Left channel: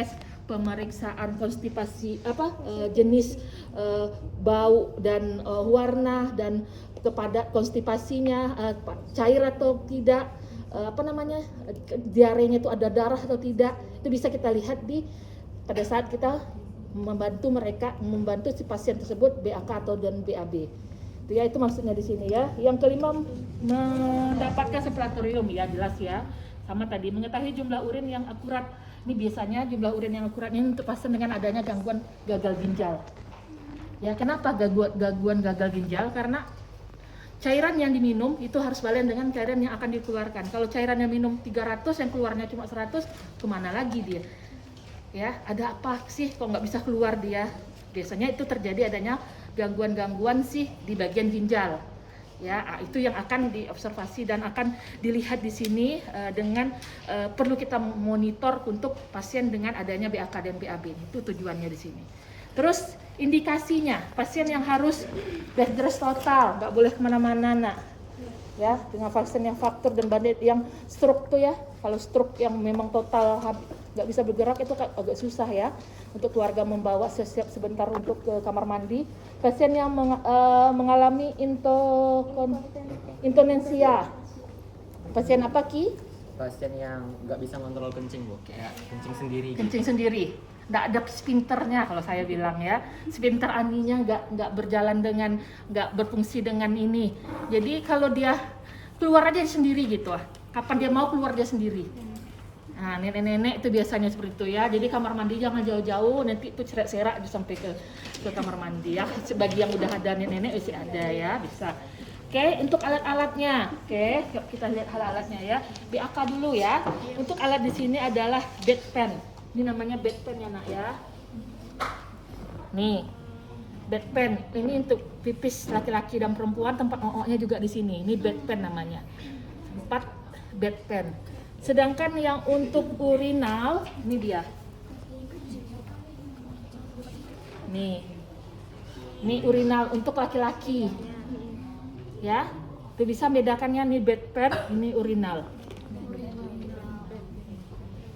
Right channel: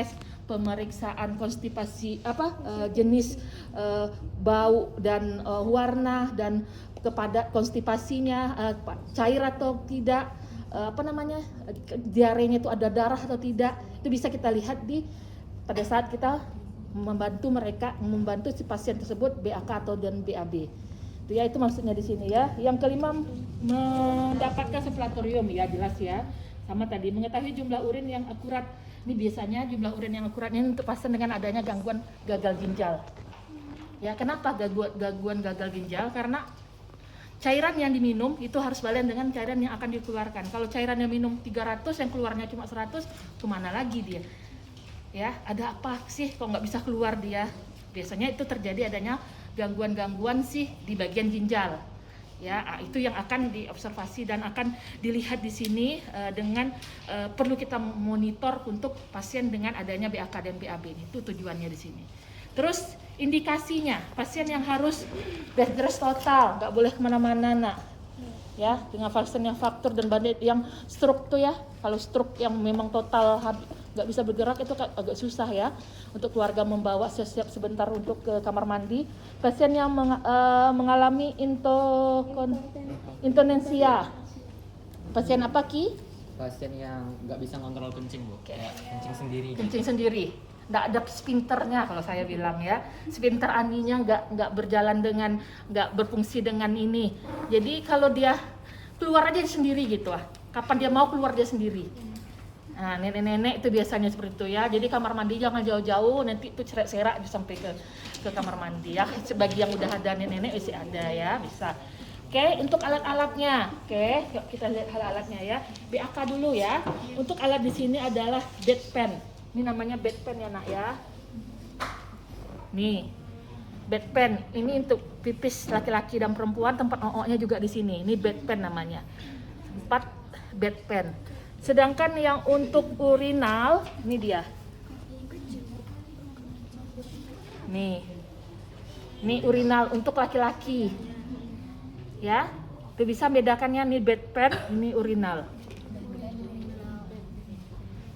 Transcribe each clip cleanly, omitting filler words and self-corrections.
tes, pemeriksaan konstipasi jenis bau dan warna dan kepada konstipasinya cair atau tidak, diarenya itu ada darah atau tidak, itu bisa kita lihat pada saat kita membantu si pasien tersebut BAK atau dan BAB. Itu maksudnya di sini ya. Yang kelima, mendapatkan laboratorium ya, jelas ya. Sama tadi, mengetahui jumlah urin yang akurat. Ini biasanya jumlah urin yang akurat ini untuk pasien dengan adanya gangguan gagal ginjal. Ya, kenapa gangguan gagal ginjal? Karena cairan yang diminum itu harus balen dengan cairan yang akan dikeluarkan. Kalau cairan yang minum 300, yang keluarnya cuma 100, kemana lagi dia? Ya, ada apa sih kok nggak bisa keluar dia? Biasanya itu terjadi adanya gangguan-gangguan sih di bagian ginjal. Ya, itu yang akan diobservasi dan akan dilihat di sini dengan perlu kita monitor untuk pasien dengan adanya BAK dan BAB. Itu tujuannya di sini. Terus indikasinya, pasien yang harus bed rest total, nggak boleh kemana-mana, nak. Ya, dengan pasien yang faktur dan bandit yang stroke tuh ya. Kalau stroke yang memang total nggak bisa bergerak itu agak susah ya untuk keluarga membawa siap sebentar untuk ke kamar mandi. Pasien yang mengalami intonensia. Pasien apa Ki? Pasien yang nggak bisa ngontrol kencing, Bu. Ya, kencing sendiri. Kencing sendiri. Nggak ada spinternya kalau saya bilang ya. Spinter aninya nggak berjalan dengan, nggak berfungsi dengan ini. Jadi kalau dia keluar aja sendiri gitu lah. Kapan dia mau keluar dia sendiri. Nah, nenek-nenek itu biasanya seperti itu ya. Jadi kamar mandi jangan jauh-jauh, nanti itu serak-serak aja sampai ke kamar mandi ya. Bagi yang udah ada nenek-nenek masih ada ya, bisa. Oke, untuk alat-alatnya. Oke, yuk kita lihat alat-alatnya ya. BAK dulu ya. Untuk alat di sini adalah bedpan. Ini namanya bedpan ya, Nak ya. Nih. Bedpan. Ini untuk pipis laki-laki dan perempuan, tempat OO-nya juga di sini. Ini bedpan namanya. 4 bedpan. Sedangkan yang untuk urinal, ini dia. Nih. Ini urinal untuk laki-laki. Ya. Itu bisa bedakannya nih bedpan, ini urinal.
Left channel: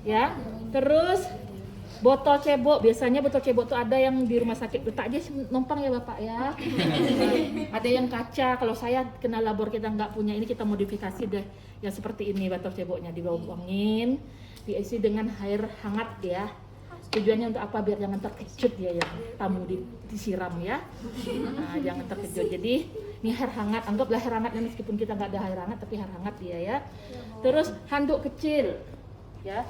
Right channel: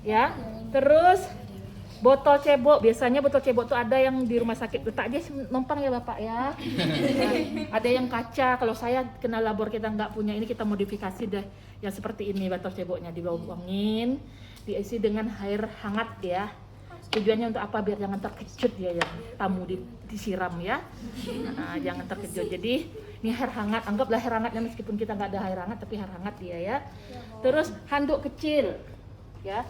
Ya. Terus botol cebok, biasanya botol cebok tuh ada yang di rumah sakit letak aja numpang ya Bapak ya. Ada yang kaca, kalau saya kena labor kita nggak punya ini, kita modifikasi deh yang seperti ini botol ceboknya, dibuangin, diisi dengan air hangat ya. Tujuannya untuk apa? Biar jangan terkejut ya yang tamu disiram ya. Nah, jangan terkejut. Jadi ini air hangat, anggaplah air hangatnya meskipun kita nggak ada air hangat tapi air hangat dia ya. Terus handuk kecil ya.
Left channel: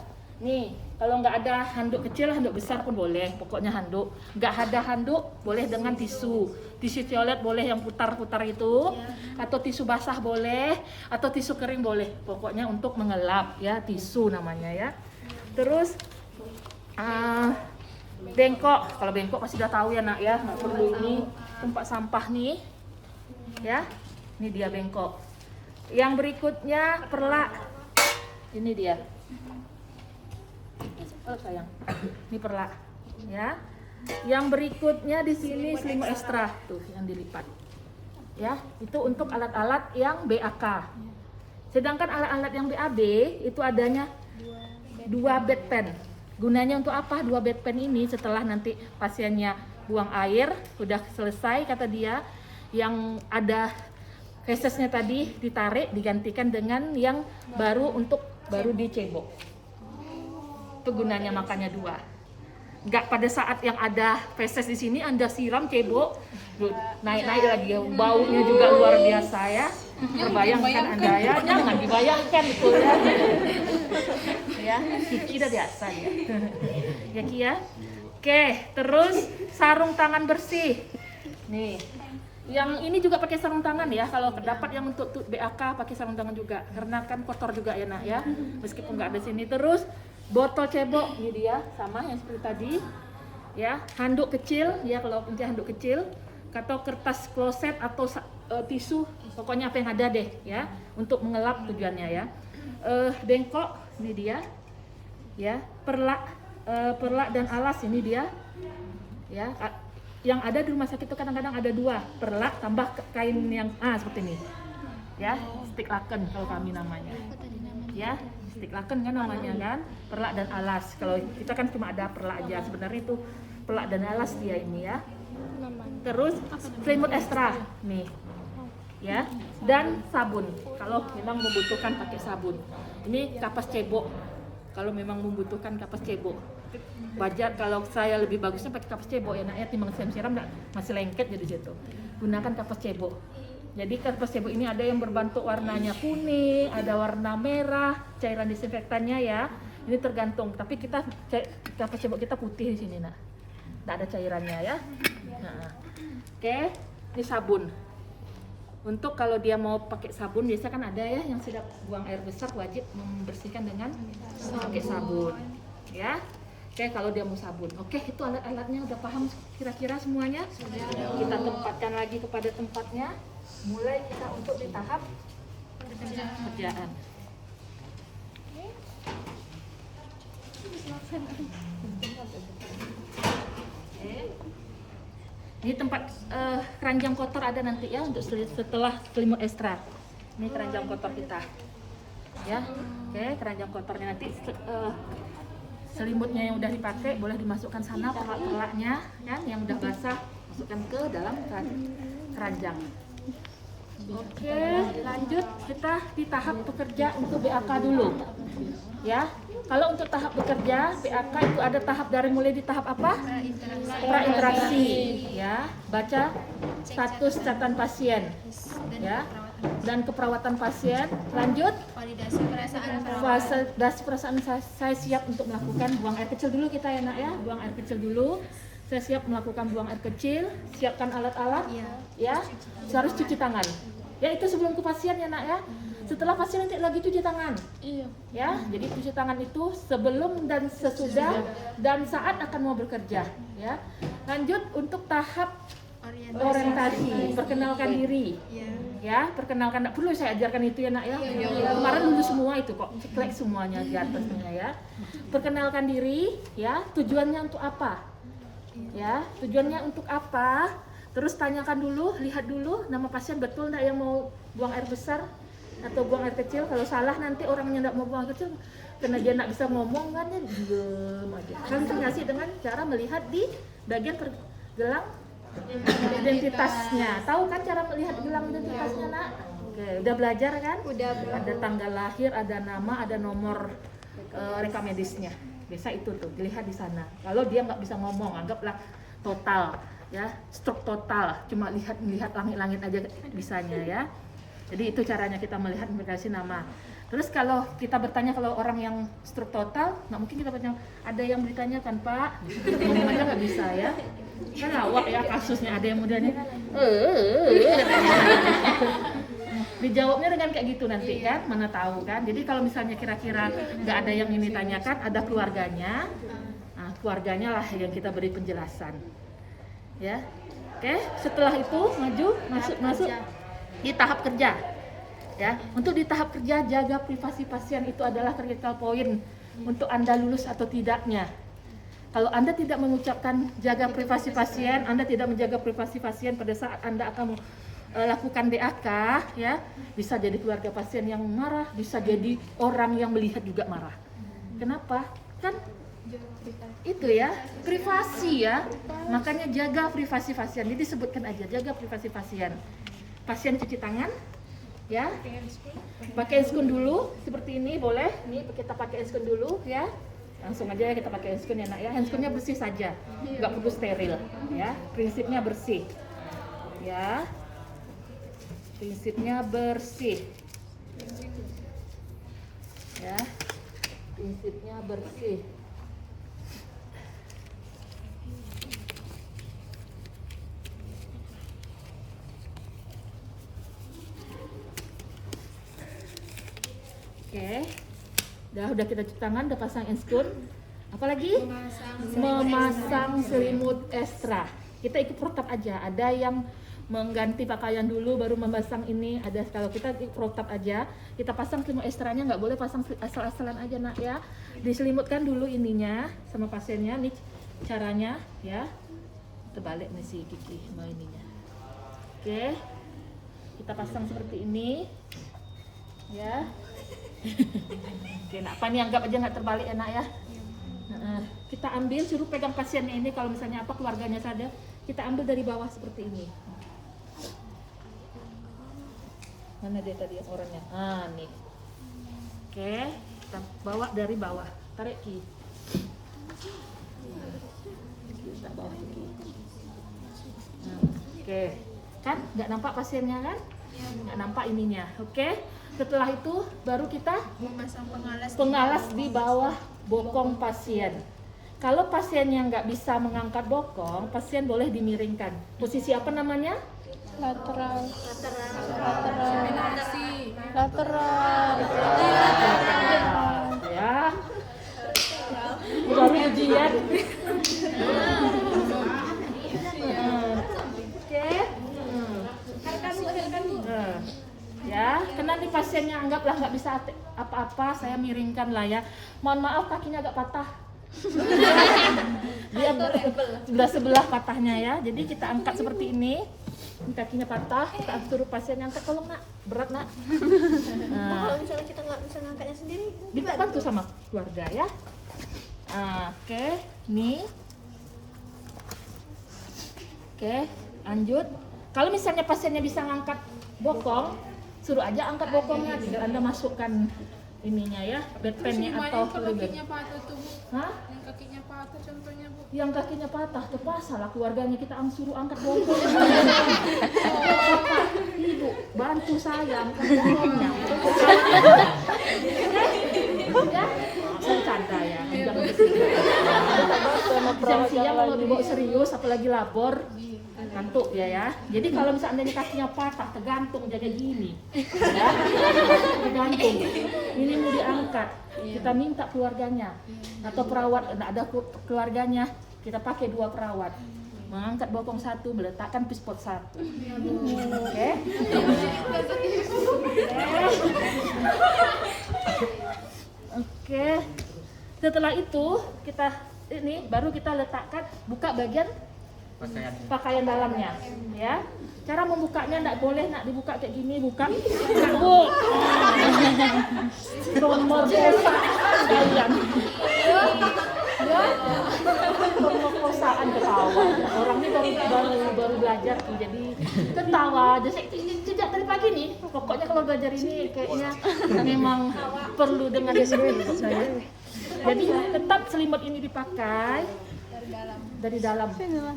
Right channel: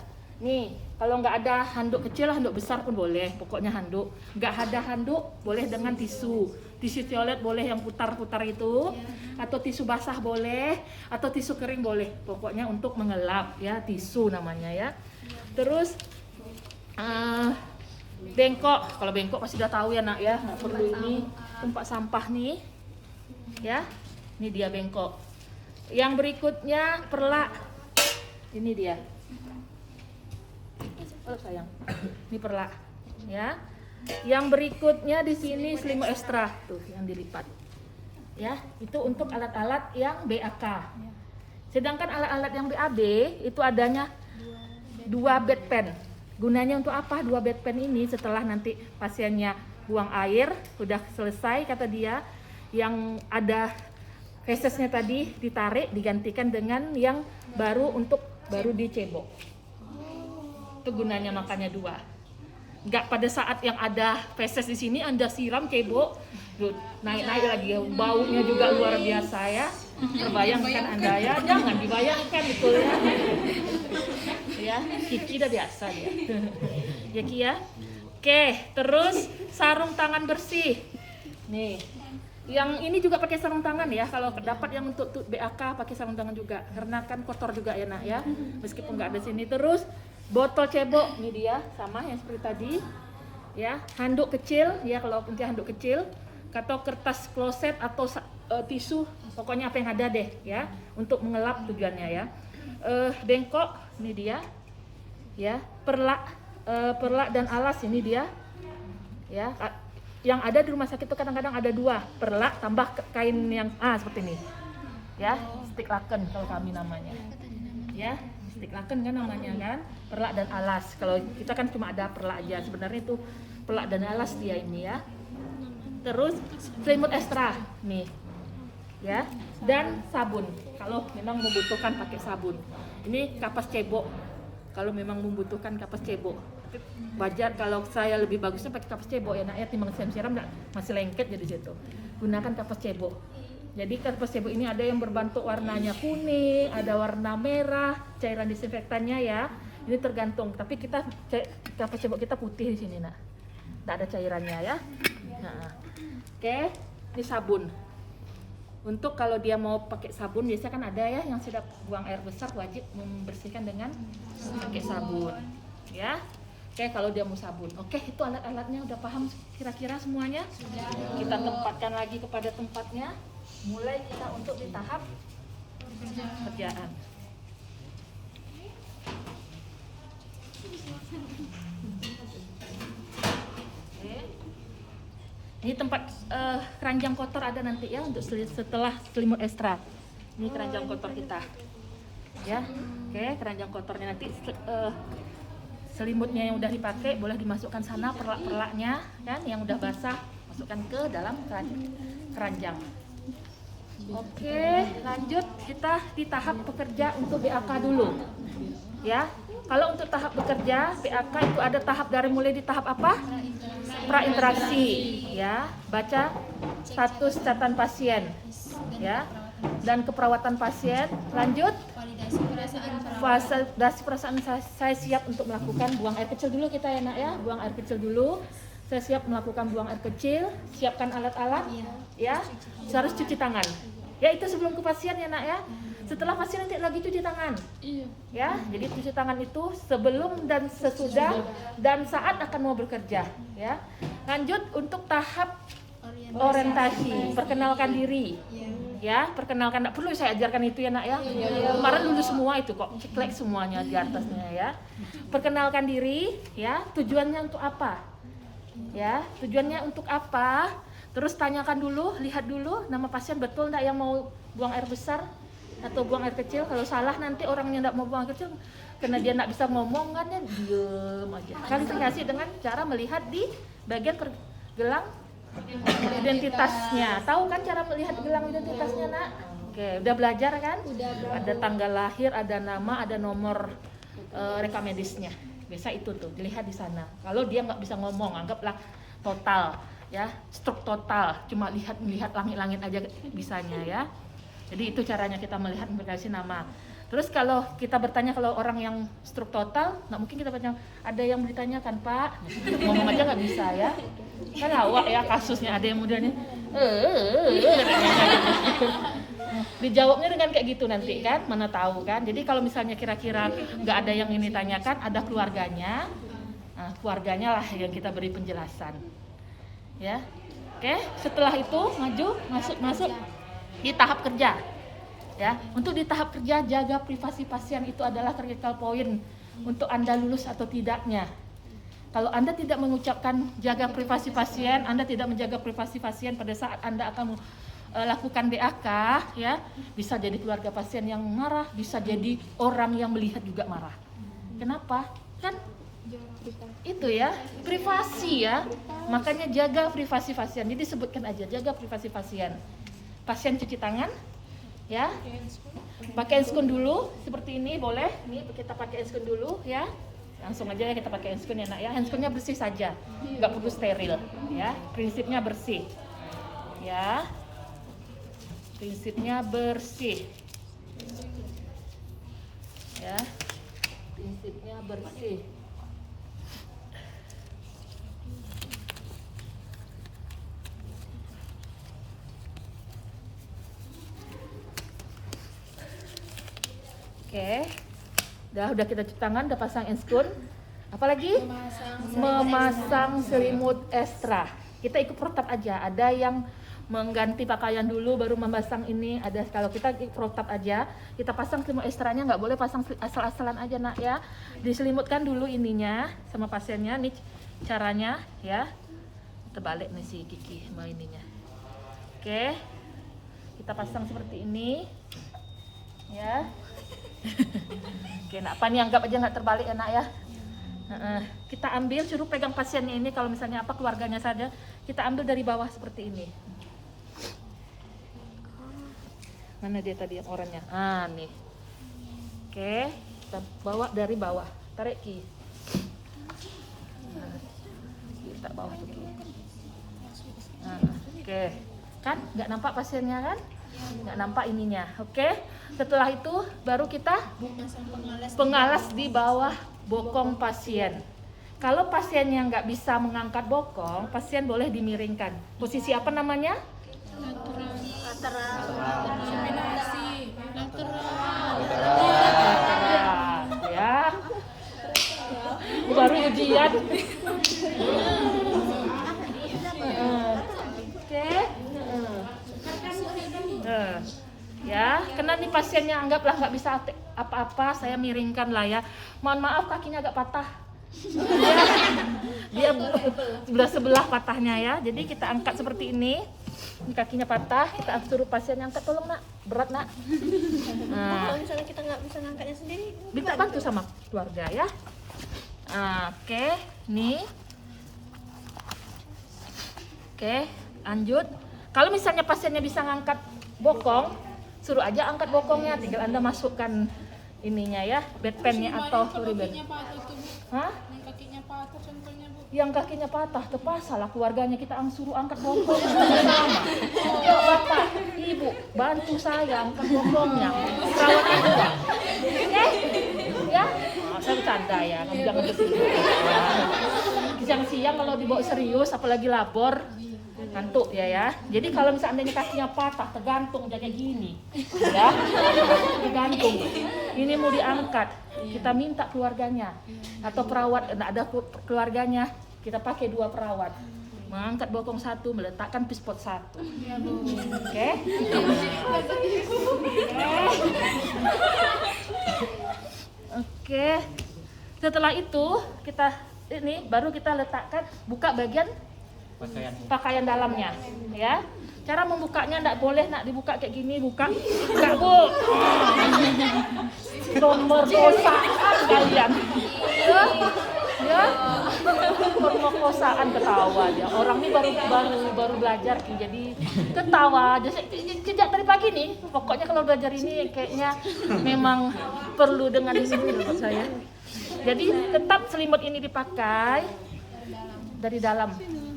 Nih, kalau nggak ada handuk kecil, handuk besar pun boleh. Pokoknya handuk. Nggak ada handuk, boleh dengan tisu. Tisu toilet boleh yang putar-putar itu, atau tisu basah boleh, atau tisu kering boleh. Pokoknya untuk mengelap ya, tisu namanya ya. Terus bengkok. Kalau bengkok pasti sudah tahu ya Nak ya. Nggak perlu ini tempat sampah nih. Ya, ini dia bengkok. Yang berikutnya perlak. Ini dia. Oh sayang, ini perlak, ya. Yang berikutnya di sini selimut ekstra, tuh yang dilipat, ya. Itu untuk alat-alat yang BAK. Sedangkan alat-alat yang BAB itu adanya 2 bedpan. Gunanya untuk apa 2 bedpan ini? Setelah nanti pasiennya buang air, sudah selesai kata dia, yang ada fesesnya tadi ditarik, digantikan dengan yang baru dicebok. Itu gunanya makanya 2. Nggak pada saat yang ada feses di sini Anda siram cebok, naik-naik lagi ya, baunya juga luar biasa ya. Terbayangkan Anda ya, jangan dibayangkan itu ya. Ya, Kiki udah biasa ya. Ya Ki ya. Oke, terus sarung tangan bersih. Nih. Yang ini juga pakai sarung tangan ya, kalau dapat yang untuk BAK pakai sarung tangan juga, karena kan kotor juga ya Nak ya, meskipun nggak ada sini. Terus botol cebok, ini dia sama yang seperti tadi ya. Handuk kecil ya, kalau punya handuk kecil, atau kertas kloset atau tisu, pokoknya apa yang ada deh ya, untuk mengelap tujuannya ya. Bengkok, ini dia ya. Perlak dan alas, ini dia ya. Yang ada di rumah sakit itu kadang-kadang ada 2, perlak tambah kain yang seperti ini ya, stick laken kalau kami namanya ya, Stick laken kan namanya kan, perlak dan alas. Kalau kita kan cuma ada perlak aja, sebenarnya itu perlak dan alas dia ini ya. Terus selimut ekstra nih, ya, dan sabun. Kalau memang membutuhkan pakai sabun. Ini kapas cebok. Kalau memang membutuhkan kapas cebok. Wajar kalau saya lebih bagusnya pakai kapas cebok ya nak ya, timbang siram masih lengket jadi situ. Gunakan kapas cebok. Jadi kapas cebok ini ada yang berbentuk warnanya kuning, ada warna merah, cairan disinfektannya ya. Ini tergantung, tapi kapas cebok kita putih di sini nak. Tidak ada cairannya ya. Nah. Oke, ini sabun. Untuk kalau dia mau pakai sabun, biasa kan ada ya yang sudah buang air besar wajib membersihkan dengan pakai sabun, ya. Oke, kalau dia mau sabun. Oke, itu alat-alatnya udah paham kira-kira semuanya? Sudah. Kita tempatkan lagi kepada tempatnya. Mulai kita untuk di tahap pekerjaan. Ini tempat keranjang kotor ada nanti ya untuk setelah selimut ekstra. Ini keranjang kotor kita, ya. Oke, keranjang kotornya nanti selimutnya yang udah dipakai boleh dimasukkan sana, perlak-perlaknya kan yang udah basah masukkan ke dalam keranjang. Oke, lanjut kita di tahap bekerja untuk BAK dulu, ya. Kalau untuk tahap bekerja, BAK itu ada tahap dari mulai di tahap apa? Prainteraksi, ya. Baca status catatan pasien, ya. Dan keperawatan pasien. Lanjut, validasi perasaan saya siap untuk melakukan buang air kecil dulu kita ya nak ya. Buang air kecil dulu. Saya siap melakukan buang air kecil. Siapkan alat-alat, ya. Harus cuci tangan. Ya itu sebelum ke pasien ya nak ya. Setelah pasien nanti lagi cuci tangan. Iya. Ya, jadi cuci tangan itu sebelum dan sesudah dan saat akan mau bekerja, ya. Lanjut untuk tahap orientasi, perkenalkan diri. Ya, perkenalkan, enggak perlu saya ajarkan itu ya nak ya. Kemarin dulu semua itu kok, ceklek semuanya di atasnya ya. Perkenalkan diri, ya. Tujuannya untuk apa? Ya, tujuannya untuk apa? Terus tanyakan dulu, lihat dulu nama pasien betul enggak yang mau buang air besar atau buang air kecil. Kalau salah nanti orangnya enggak mau buang air kecil karena dia enggak bisa ngomong kan ya diem aja. Kan terkasih dengan cara melihat di bagian gelang identitasnya. Tahu kan cara melihat gelang identitasnya nak? Oke, udah belajar kan? Udah. Ada tanggal lahir, ada nama, ada nomor rekam medisnya. Biasa itu tuh dilihat di sana. Kalau dia nggak bisa ngomong, anggaplah total, ya, stroke total, cuma lihat langit-langit aja bisanya ya. Jadi itu caranya kita melihat dikasih nama. Terus kalau kita bertanya kalau orang yang stroke total, nggak mungkin kita bertanya ada yang ditanyakan Pak, ngomong aja nggak bisa ya. Kan awak ya kasusnya ada yang mudahnya, dijawabnya dengan kayak gitu nanti kan, mana tahu kan. Jadi kalau misalnya kira-kira nggak ada yang ini tanyakan, ada keluarganya, nah, keluarganya lah yang kita beri penjelasan, ya. Oke, setelah itu masuk di tahap kerja, ya. Untuk di tahap kerja jaga privasi pasien itu adalah critical point untuk Anda lulus atau tidaknya. Kalau Anda tidak mengucapkan jaga privasi pasien, Anda tidak menjaga privasi pasien pada saat Anda akan lakukan BAK, ya, bisa jadi keluarga pasien yang marah, bisa jadi orang yang melihat juga marah. Kenapa? Kan itu ya, privasi ya. Makanya jaga privasi pasien. Jadi sebutkan aja jaga privasi pasien. Pasien cuci tangan, ya. Pakai handscoon dulu seperti ini boleh. Ini kita pakai handscoon dulu ya. Langsung aja ya kita pakai handscoon ya nak ya. Handscoonnya bersih saja, nggak perlu steril ya. Prinsipnya bersih, ya. Prinsipnya bersih, ya. Prinsipnya bersih. Oke, udah kita cuci tangan, udah pasang handscoon. Apalagi? Memasang selimut ekstra. Kita ikut protap aja. Ada yang mengganti pakaian dulu baru memasang ini. Ada kalau kita protap aja, kita pasang selimut ekstranya, nggak boleh pasang asal-asalan aja nak ya. Diselimutkan dulu ininya sama pasiennya. Nih caranya ya. Terbalik nih si Kiki sama ininya. Oke, kita pasang seperti ini, ya. Oke, nak apa nih, anggap aja nggak terbalik ya nak ya. Kita ambil, suruh pegang pasiennya ini, kalau misalnya apa keluarganya saja, kita ambil dari bawah seperti ini. Mana dia tadi yang orangnya? Nih. Oke, kita bawa dari bawah. Tarik Ki. Kita bawa dulu. Oke, kan nggak nampak pasiennya kan? Nggak nampak ininya. Oke, setelah itu baru kita pengalas di bawah bokong pasien. Kalau pasiennya nggak bisa mengangkat bokong, pasien boleh dimiringkan. Posisi apa namanya? Lateral. Ya. Baru ujian. Oke. Ya, karena nih pasiennya anggaplah nggak bisa apa-apa, saya miringkan lah ya. Mohon maaf kakinya agak patah. Dia sebelah patahnya ya. Jadi kita angkat seperti ini. Ini kakinya patah, kita suruh pasien angkat, tolong nak, berat nak. Kalau misalnya kita nggak bisa ngangkatnya sendiri, Minta bantu sama keluarga ya. Oke, nih. Oke, lanjut. Kalau misalnya pasiennya bisa ngangkat bokong, suruh aja angkat bokongnya, tinggal Anda masukkan ininya ya, bedpan-nya atau Kakinya patah tuh, Bu. Hah? Yang kakinya patah contohnya, Bu. Yang kakinya patah, terpaksa lah keluarganya kita suruh angkat bokong. Bapak, ibu, bantu saya angkat bokongnya. Oke? Ya? Saya canda ya, jangan bersedih. Siang-siang kalau dibawa serius, apalagi labor, ngantuk ya. Jadi kalau misalnya kakinya patah, tergantung jadi gini, ya. Tergantung. Ini mau diangkat, kita minta keluarganya atau perawat, ada keluarganya, kita pakai 2 perawat. Mengangkat bokong 1, meletakkan pispot 1. Oke? Oke. Setelah itu baru kita letakkan, buka bagian pakaian dalamnya, ya. Cara membukanya enggak boleh nak dibuka kayak gini, buka. Enggak, Bu. Pemerkosaan kalian. Ya. Pemerkosaan, ketawa aja. Orang ini baru belajar, jadi ketawa aja. Sejak dari pagi nih, pokoknya kalau belajar ini kayaknya memang perlu dengan disiplin menurut saya. Jadi tetap selimut ini dipakai dari dalam.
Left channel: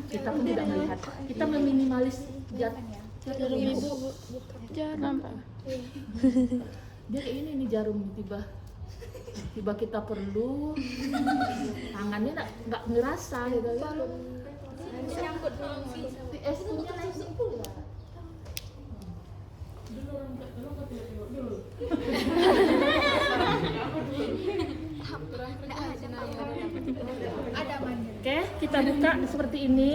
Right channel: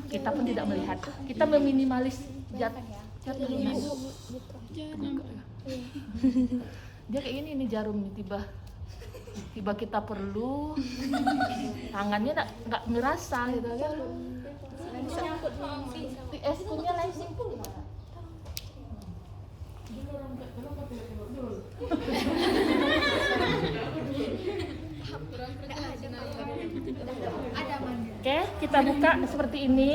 Kita pun tidak melihat. Kita meminimalis jarum ibu. Jangan, Pak. Dia kayak ini nih jarum nih, tiba kita perlu, tangannya nggak ngerasa gitu ya. nyangkut Es punya lensing pun gimana? Oke, kita buka seperti ini.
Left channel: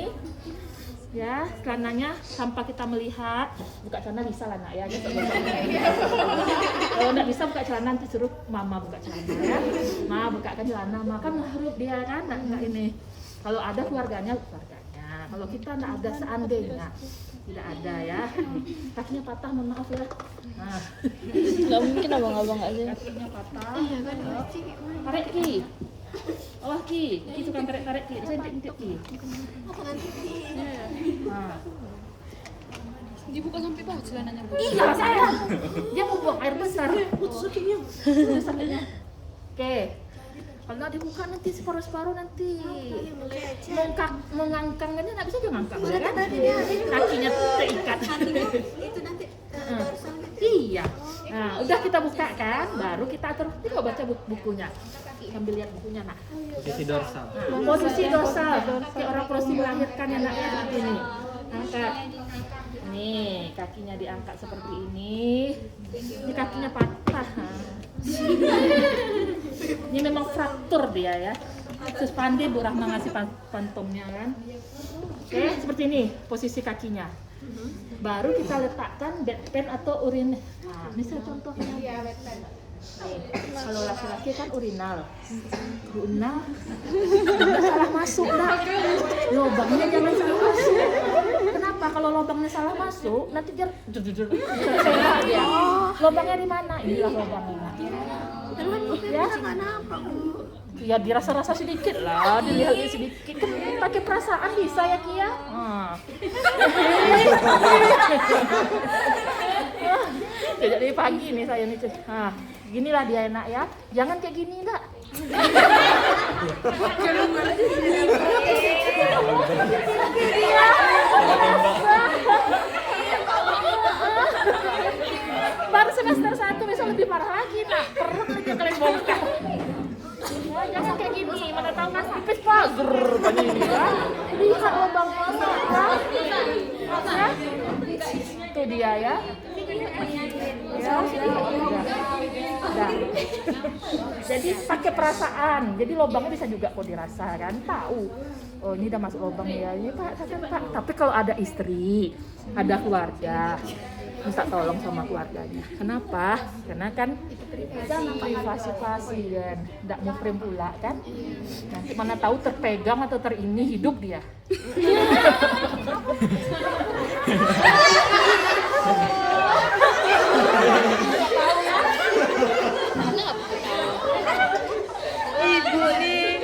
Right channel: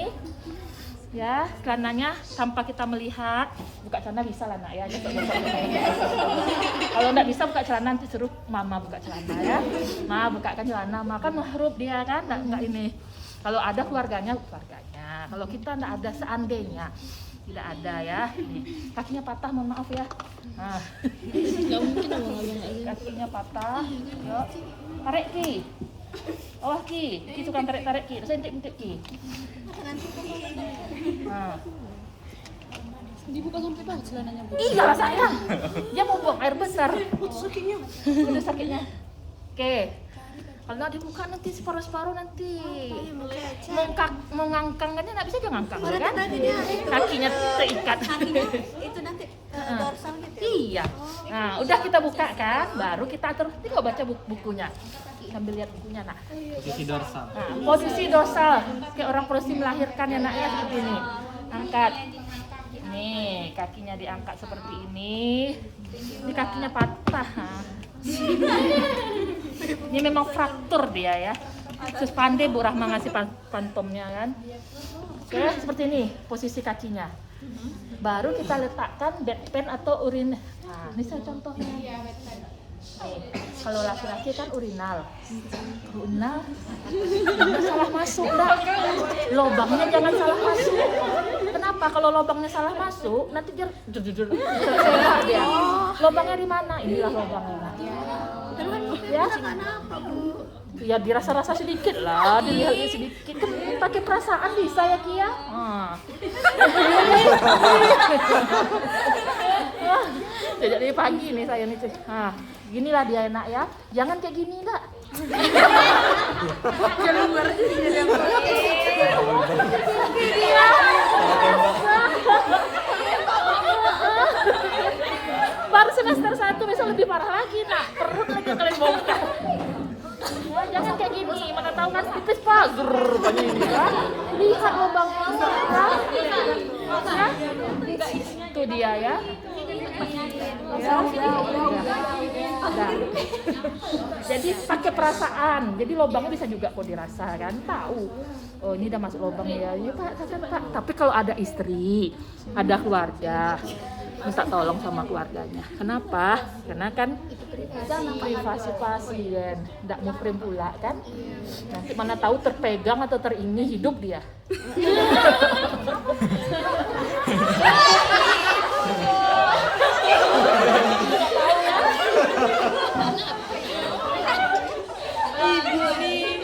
Ya, celananya tanpa kita melihat. Buka celana bisa lah nak ya. Kalau nggak bisa buka celana, nanti suruh mama buka celana ya. Ma, bukakan celana, maka mahrup dia kan, nggak ini. Kalau ada keluarganya. Kalau kita nggak ada, seandainya tidak ada ya. Kakinya patah, mohon maaf ya. Nah, Nggak mungkin abang-abang nggak lihat. kakinya patah. Tarik Ki. Oh Ki tukang tarik Ki. Saya intik Ki. Nah. Dibuka sampai bawah celananya, Bu. Iya lah saya. Dia mau buang air besar. Putus sakitnya. Oke. Kalau dibuka nanti separuh-separuh nanti mengangkangnya nggak bisa dia ngangkang kan? Kakinya terikat. itu nanti dorsalnya. Iya. Nah, udah kita buka kan, baru kita atur. Ini kok baca bukunya. Sambil lihat bukunya nak. Posisi dorsal. Nah, posisi dorsal kayak orang proses melahirkan ya nak ya, seperti ini. Angkat. Nih, kakinya diangkat seperti ini. Ini kakinya patah. Ini memang fraktur dia ya. Sus pandai Bu Rahma ngasih pantomnya kan. Oke, seperti ini posisi kakinya. Baru kita letakkan bedpan atau urin. Nah, ini saya contohnya. Kalau laki-laki kan urinal, salah masuk dah. Lobangnya jangan salah masuk. Kenapa? Kalau lobangnya salah masuk, nanti dia. Lobangnya di mana? Inilah lobangnya. Ya, Kenapa, Bu? ya dirasa-rasa sedikit lah, dilihat sedikit. Kan pakai perasaan bisa ya Kia. Jadi pagi nih saya nih. Ginilah dia enak ya. Jangan kayak gini nak. Baru semester 1 besok lebih parah lagi nak. Perut lagi yang kalian bongkar. Ya, jangan kayak gini, mana tahu nasi tipis pagar banyak ini ya. Lihat lubangnya ya. Itu dia ya. Ya, udah. Jadi pakai perasaan. Jadi lubangnya bisa juga kok dirasa kan, tahu. Oh ini udah masuk lubang ya. Ini Pak, Pak. Tapi kalau ada istri, ada keluarga, minta tolong sama keluarganya. Kenapa? Karena kan privasi pasien, tidak mau frame pula kan. Nanti mana tahu terpegang atau terini hidup dia. Ibu nih.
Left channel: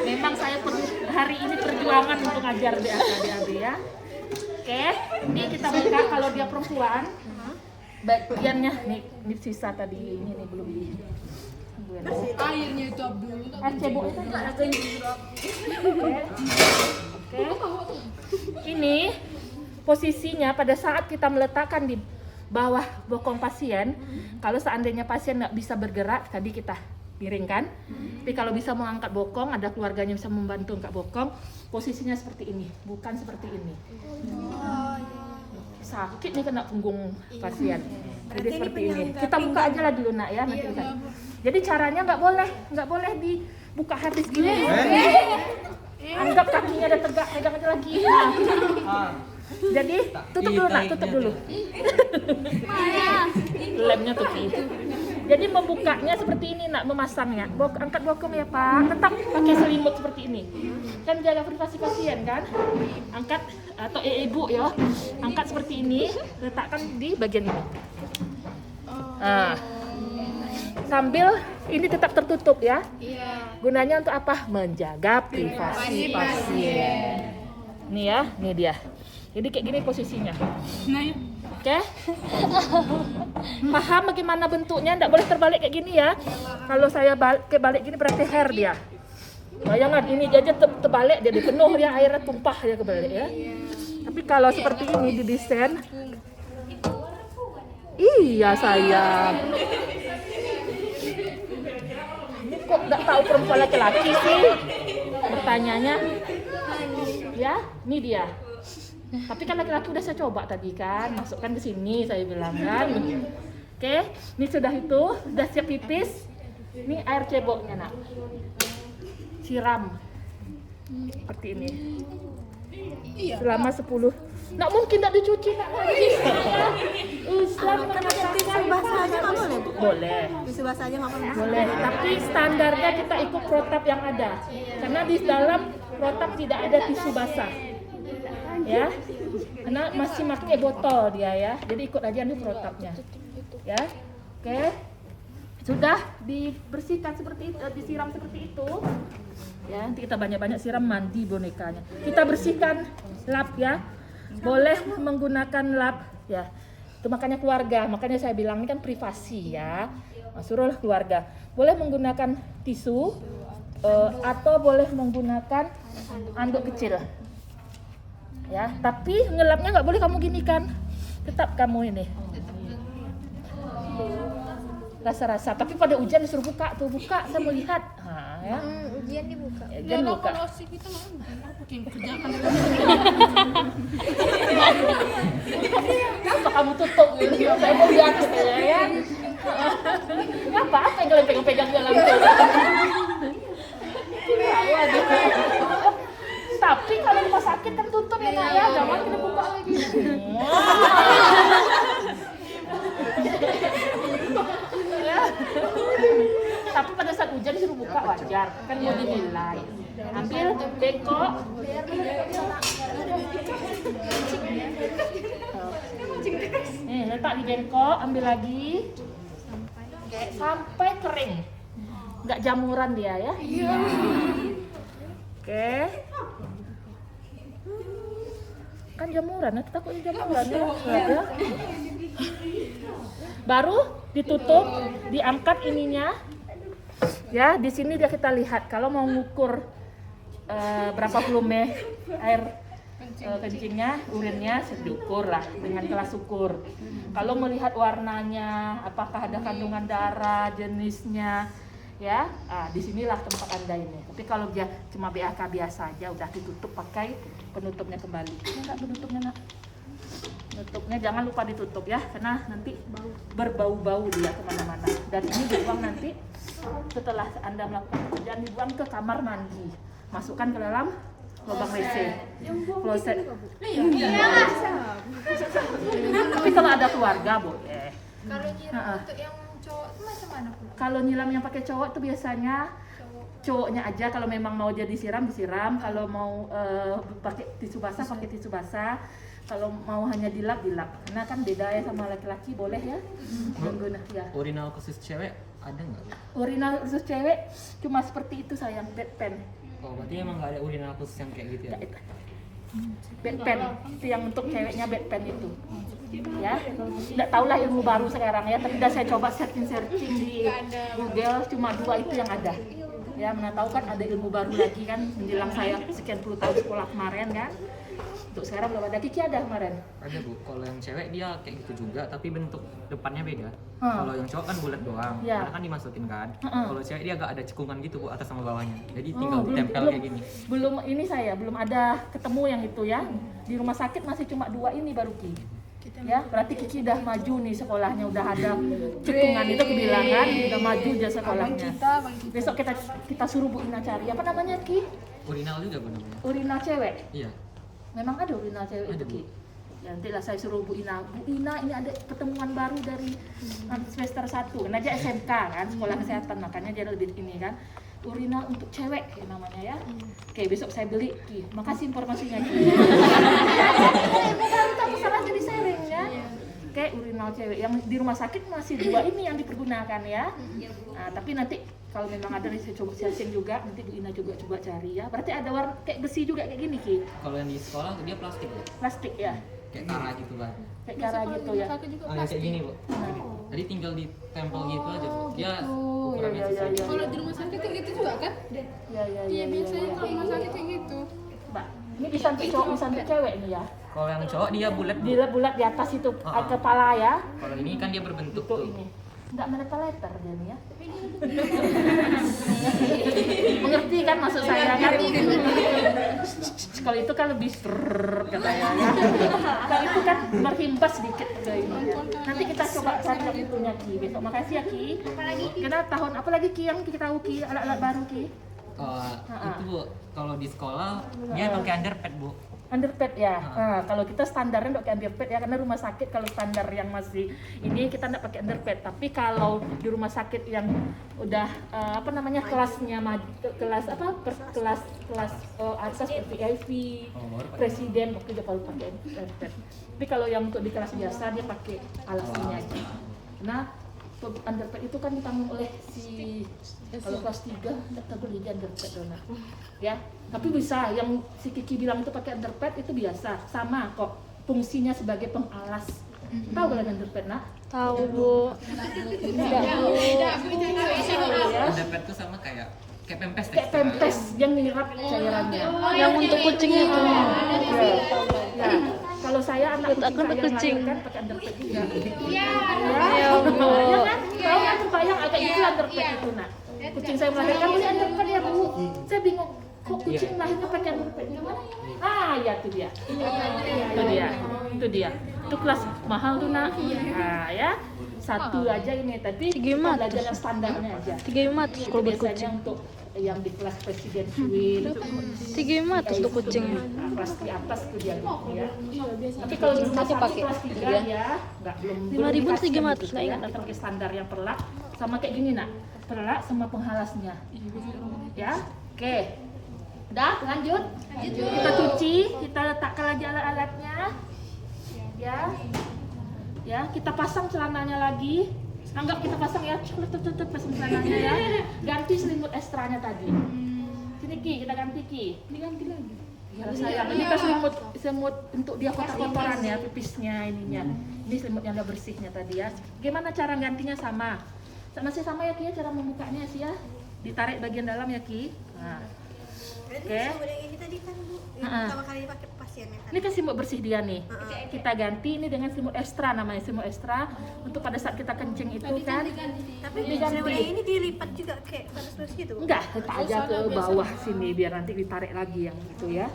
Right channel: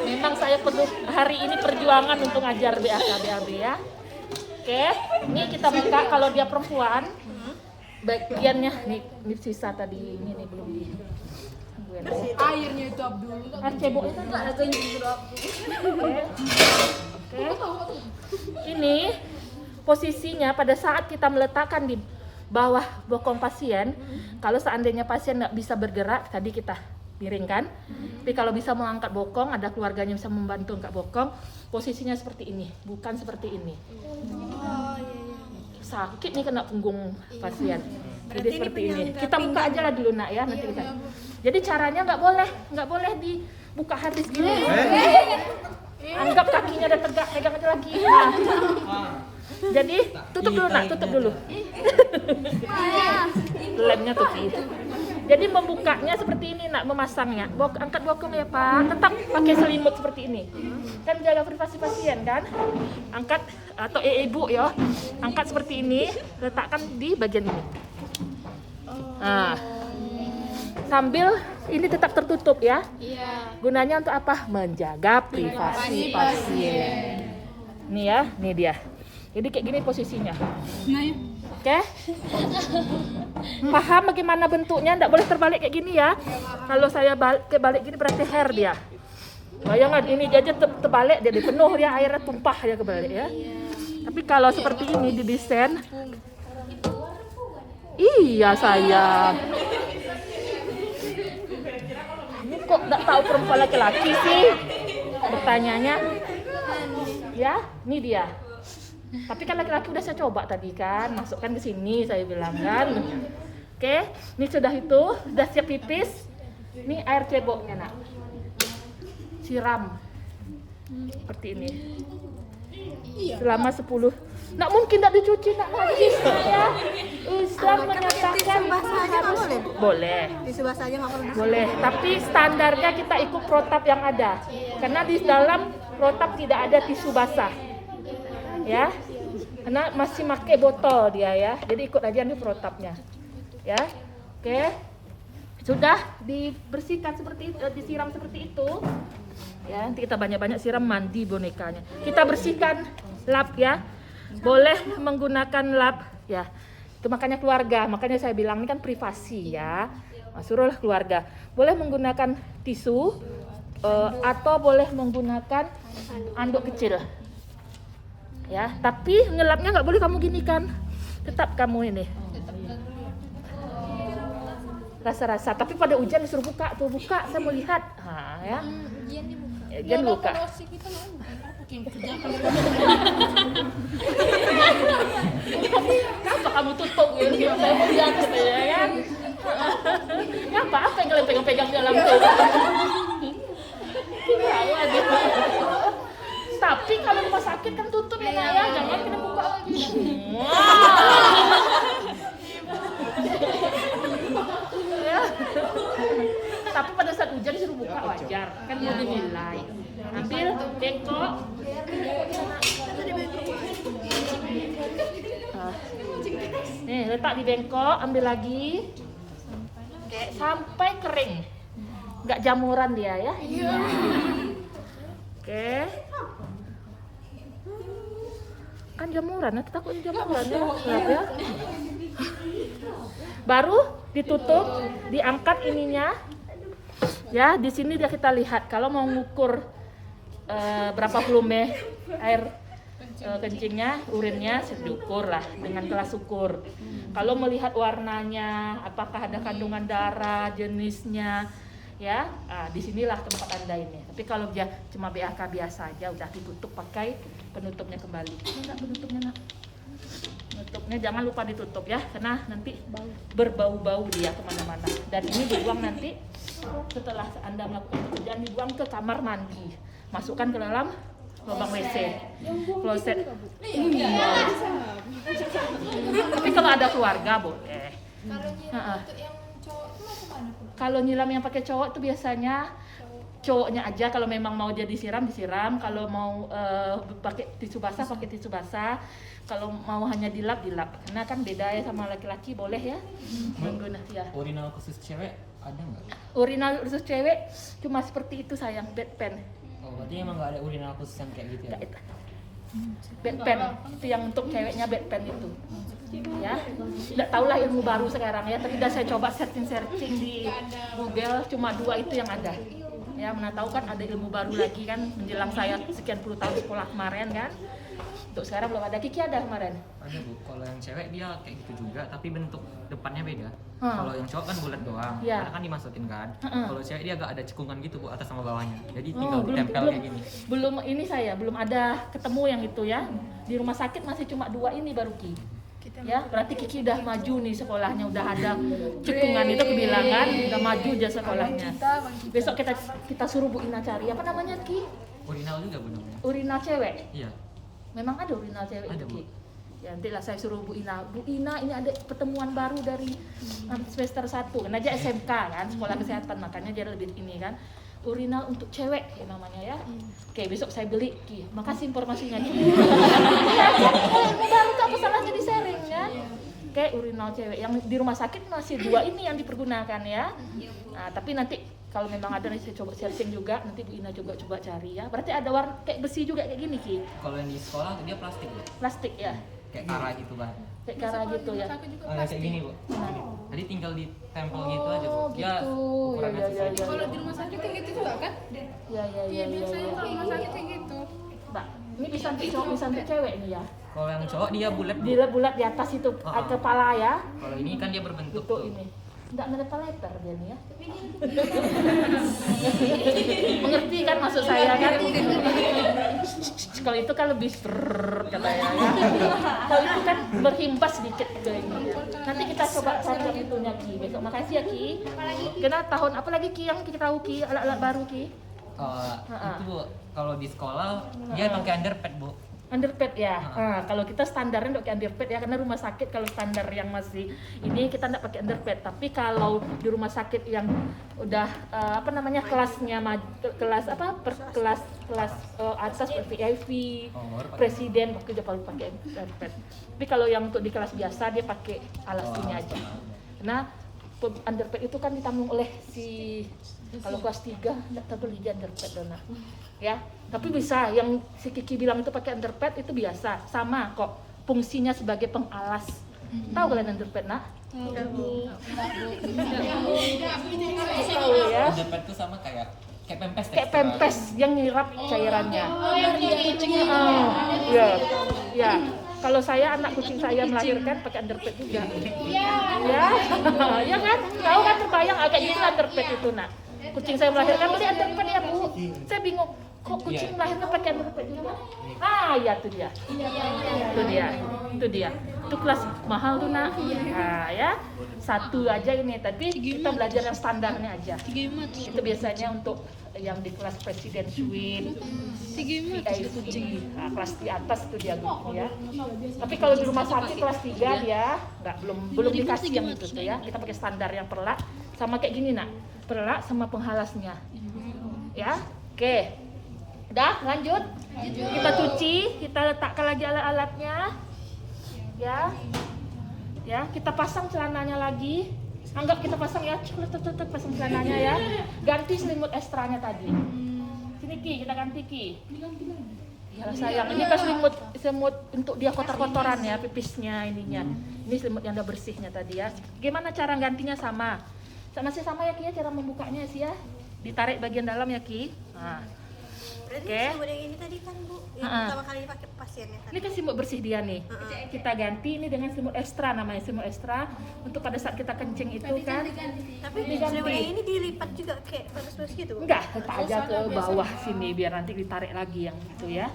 Memang saya perlu hari ini perjuangan untuk ngajar BAB ya. Oke, ini kita buka kalau dia perempuan. Bagiannya nih sisa tadi ini nih belum di. Airnya itu Abdul. Cebok itu enggak ada yang Oke. Ini posisinya pada saat kita meletakkan di bawah bokong pasien. Kalau seandainya pasien nggak bisa bergerak, tadi kita miringkan. Tapi kalau bisa mau angkat bokong, ada keluarganya bisa membantu angkat bokong, posisinya seperti ini, bukan seperti ini. Sakit nih kena punggung pasien. Jadi seperti ini. Kita buka aja lah dulu nak ya, nanti kita. Jadi caranya nggak boleh dibuka habis gini. Anggap kakinya udah tegak, pegang aja lagi. Jadi tutup dulu nak, tutup dulu. Lemnya tutup. Jadi membukanya seperti ini nak, memasangnya. Angkat bokong ya Pak, tetap pakai selimut seperti ini. Kan jaga privasi pasien kan. Angkat atau ibu ya, angkat seperti ini, letakkan di bagian ini. Nah, sambil ini tetap tertutup ya. Gunanya untuk apa? Menjaga privasi pasien. Nih ya, nih dia. Jadi kayak gini posisinya. Oke? Paham bagaimana bentuknya? Nggak boleh terbalik kayak gini ya. Kalau saya balik gini berarti hair dia. Bayangkan ini aja terbalik jadi penuh ya, airnya tumpah ya kebalik ya. Tapi kalau seperti ini didesain, iya sayang. Ini kok nggak tahu perempuan laki-laki sih? Bertanyanya. Ya, ini dia. Tapi kan laki-laki udah saya coba tadi kan, masukkan ke sini saya bilang kan. Oke, ini sudah itu, sudah siap pipis. Ini air ceboknya nak. Siram. Seperti ini. Selama 10. Nak mungkin tidak dicuci nak lagi ya. Ustaz mengatakan tisu basah aja nggak boleh, Bu? boleh. Tisu basah aja nggak boleh. Boleh, tapi standarnya kita ikut protap yang ada. Karena di dalam protap tidak ada tisu basah. Ya, karena masih pakai botol dia ya, jadi ikut aja nih protapnya ya. Oke, sudah dibersihkan seperti itu, disiram seperti itu ya. Nanti kita banyak-banyak siram, mandi bonekanya, kita bersihkan lap ya. Boleh menggunakan lap ya, itu makanya keluarga, makanya saya bilang ini kan privasi ya. Suruhlah keluarga boleh menggunakan tisu atau boleh menggunakan anduk kecil ya, tapi ngelapnya nggak boleh kamu gini kan, tetap kamu ini rasa-rasa. Tapi pada ujian disuruh buka tuh, buka saya mau lihat. Ya. Ujian dibuka. Ujian buka. Kenapa kamu tutup gitu? Saya mau lihat ya. Apa yang kalian pegang-pegang di dalam tuh? Tapi kalau rumah sakit kan tutup ya nak ya, jangan kita buka lagi. Ya. Tapi pada saat hujan disuruh buka wajar, kan mau dinilai. Ambil bengkok. Nih, letak di bengkok, ambil lagi. Oke, sampai kering. Nggak jamuran dia ya. Iya. Oke. Kan jamuran, nanti takutnya jamuran ya. Lihat ya. Baru ditutup, diangkat ininya. Ya, di sini dia kita lihat kalau mau ngukur berapa volume air kencingnya, urinnya diukur lah dengan kelas ukur. Kalau melihat warnanya, apakah ada kandungan darah, jenisnya, ya, disinilah tempat Anda ini. Tapi kalau dia cuma BAK biasa aja, udah ditutup pakai penutupnya kembali. Ini enggak penutupnya nak? Penutupnya jangan lupa ditutup ya, karena nanti berbau-bau dia kemana-mana. Dan ini dibuang nanti setelah Anda melakukan pekerjaan, dibuang ke kamar mandi, masukkan ke dalam lubang WC, kloset. Tapi kalau ada keluarga boleh. Kalau nyiram yang pakai cowok itu biasanya cowoknya aja, kalau memang mau dia disiram, kalau mau pakai tisu basah, pakai tisu basah, kalau mau hanya dilap, karena kan beda ya sama laki-laki, boleh ya menggunakan ya. Urinal khusus cewek ada nggak? Urinal khusus cewek cuma seperti itu sayang, bedpan. Oh, berarti emang nggak ada urinal khusus yang kayak gitu ya? Bedpan itu yang untuk ceweknya, bedpan itu ya. Nggak tahulah ilmu baru sekarang ya, tapi udah saya coba searching di Google, cuma 2 itu yang ada ya. Mana tahu kan ada ilmu baru lagi kan menjelang saya sekian puluh tahun sekolah kemarin kan. Untuk sekarang belum ada. Kiki ada kemarin? Ada Bu, kalau yang cewek dia kayak gitu juga, tapi bentuk depannya beda. Kalau yang cowok kan bulat doang, Ya. karena kan dimasukin kan. Kalau cewek dia agak ada cekungan gitu Bu, atas sama bawahnya. Jadi Oh, tinggal ditempel kayak gini. Belum ini saya belum ada ketemu yang itu ya. Di rumah sakit masih cuma 2 ini baru Ki. Ya, berarti Kiki udah maju nih sekolahnya, udah ada cekungan itu kebilangan, udah maju aja sekolahnya. Besok kita suruh Bu Ina cari. Apa namanya Ki? Urinal juga Bu namanya. Urinal cewek. Iya. Memang ada urinal cewek Ada, itu Bu. Ki. Ya nanti lah saya suruh Bu Ina. Bu Ina ini ada pertemuan baru dari semester 1. Kan aja SMK kan, sekolah kesehatan, makanya dia lebih ini kan. Urinal untuk cewek ya namanya ya. Oke, besok saya beli Ki. Makasih informasinya Ki. Apa salahnya di sharing ya. Oke, urinal cewek yang di rumah sakit masih 2 ini yang dipergunakan ya. Nah, tapi nanti kalau memang ada saya coba searching juga, nanti Bu Ina juga coba cari ya. Berarti ada warna kayak besi juga kayak gini Ki. Kalau yang di sekolah dia plastik Bu. Plastik ya. Kayak kara gitu kan. Kayak cara gitu ya. Oh, ya, kayak gini Bu. Jadi tinggal ditempel gitu aja Bu. Dia gitu. ukurannya Ya, ya, sesuai. ya, Kalau di rumah sakit kayak gitu juga kan? Ya ya ya. Biasanya kalau rumah sakit kayak gitu. Mbak, ini bisa untuk cowok, bisa untuk cewek nih ya. Kalau yang cowok dia bulat Bu. Bulat di atas itu kepala ya. Kalau ini kan dia berbentuk Gitu tuh. ini. Enggak meter dia nih ya. Mengerti kan maksud saya kan? Kalau itu kan lebih katanya ya. Kalau itu kan berhimpas sedikit ke ini ya. Nanti kita coba cari yang itunya Ki. Besok makasih ya Ki. Karena tahun apa lagi Ki yang kita tahu Ki, alat-alat baru Ki? Itu Bu, kalau di sekolah dia pakai underpad Bu. Underpad ya. Nah, kalau kita standarnya untuk underpad ya, karena rumah sakit kalau standar yang masih ini kita enggak pakai underpad. Tapi kalau di rumah sakit yang udah kelasnya kelas atas VIP, presiden waktu dia baru pakai underpad. Tapi kalau yang untuk di kelas biasa dia pakai alas ini aja. Nah, underpad itu kan ditanggung oleh si kalau kelas 3 enggak tahu lagi underpad dona. Ya, tapi bisa yang si Kiki bilang itu pakai underpad itu biasa, sama kok fungsinya sebagai pengalas. Tahu kalian underpad nak? Tahu Bu. Ya. Underpad tuh sama kayak pempes Kayak teksturnya. pempes yang nyerap cairannya. Yang untuk kucingnya. Ya, ya. Kalau saya anak kucing saya melahirkan pakai underpad juga. Ya, ya kan? Tahu kan terbayang agak gitu underpad itu nak. Kucing saya melahirkan beli underpad ya Bu. Saya bingung. Kok kucing melahirkan pakai underpad gimana? Ya itu dia. Itu dia. Itu kelas mahal tuh nak. Nah ya. Satu aja ini, tapi kita belajar yang standarnya aja. 3.500 Itu biasanya untuk yang di kelas presiden suite. 3.500 untuk kucing. Nah, kelas di atas tuh dia ya. Tapi kalau di rumah sakit kelas 3 ya, belum dikasih gitu ya. Kita pakai standar yang perlak sama kayak gini nak. Perlak sama penghalasnya. Ya. Oke. Udah, lanjut. Kita cuci, kita letakkan lagi alat-alatnya. Ya. Ya, kita pasang celananya lagi. Anggap kita pasang ya, cek pasang celananya ya. Ganti selimut ekstranya tadi. Sini Ki, kita ganti Ki. Diganti lagi. Ya sayang, ini kan selimut untuk dia kotor-kotoran ya, pipisnya ininya. Ini selimut yang udah bersihnya tadi ya. Gimana cara gantinya sama? Masih sama ya Ki ya, cara membukanya sih ya. Ditarik bagian dalam ya Ki. Nah. Berarti Oke. selimut yang ini tadi kan Bu, yang Ha-ha. pertama kali dipakai pasiennya kan. Ini kan selimut bersih dia nih. Ha-ha. Kita ganti ini dengan selimut ekstra, namanya selimut ekstra untuk pada saat kita kencing itu kan. Tapi Diganti. selimut yang ini dilipat juga kayak batas-batas gitu. Bu? Enggak, letak aja ke bawah sini biar nanti ditarik lagi yang gitu ya.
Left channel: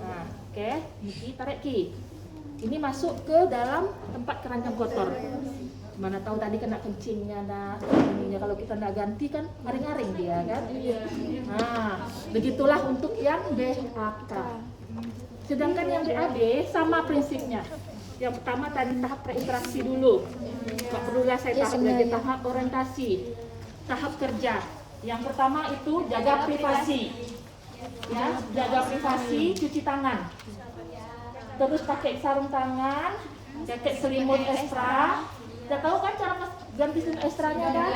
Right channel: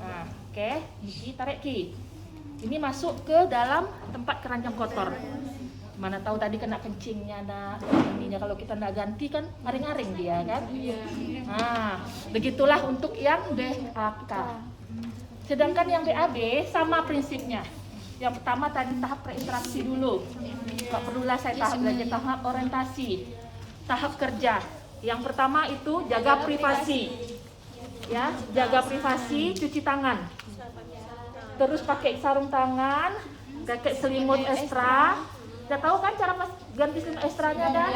Nah, oke, Ki tarik Ki. Ini masuk ke dalam tempat keranjang kotor. Mana tahu tadi kena kencingnya, nah ininya kalau kita nggak ganti kan ngaring-ngaring dia kan. Nah, begitulah untuk yang BAK. Sedangkan yang BAB sama prinsipnya. Yang pertama tadi tahap berinteraksi dulu. Nggak perlulah saya tahap lagi, tahap orientasi, tahap kerja. Yang pertama itu jaga privasi, ya, jaga privasi, cuci tangan. Terus pakai sarung tangan, pakai selimut ekstra. Udah tahu kan cara ganti selimut ekstranya kan?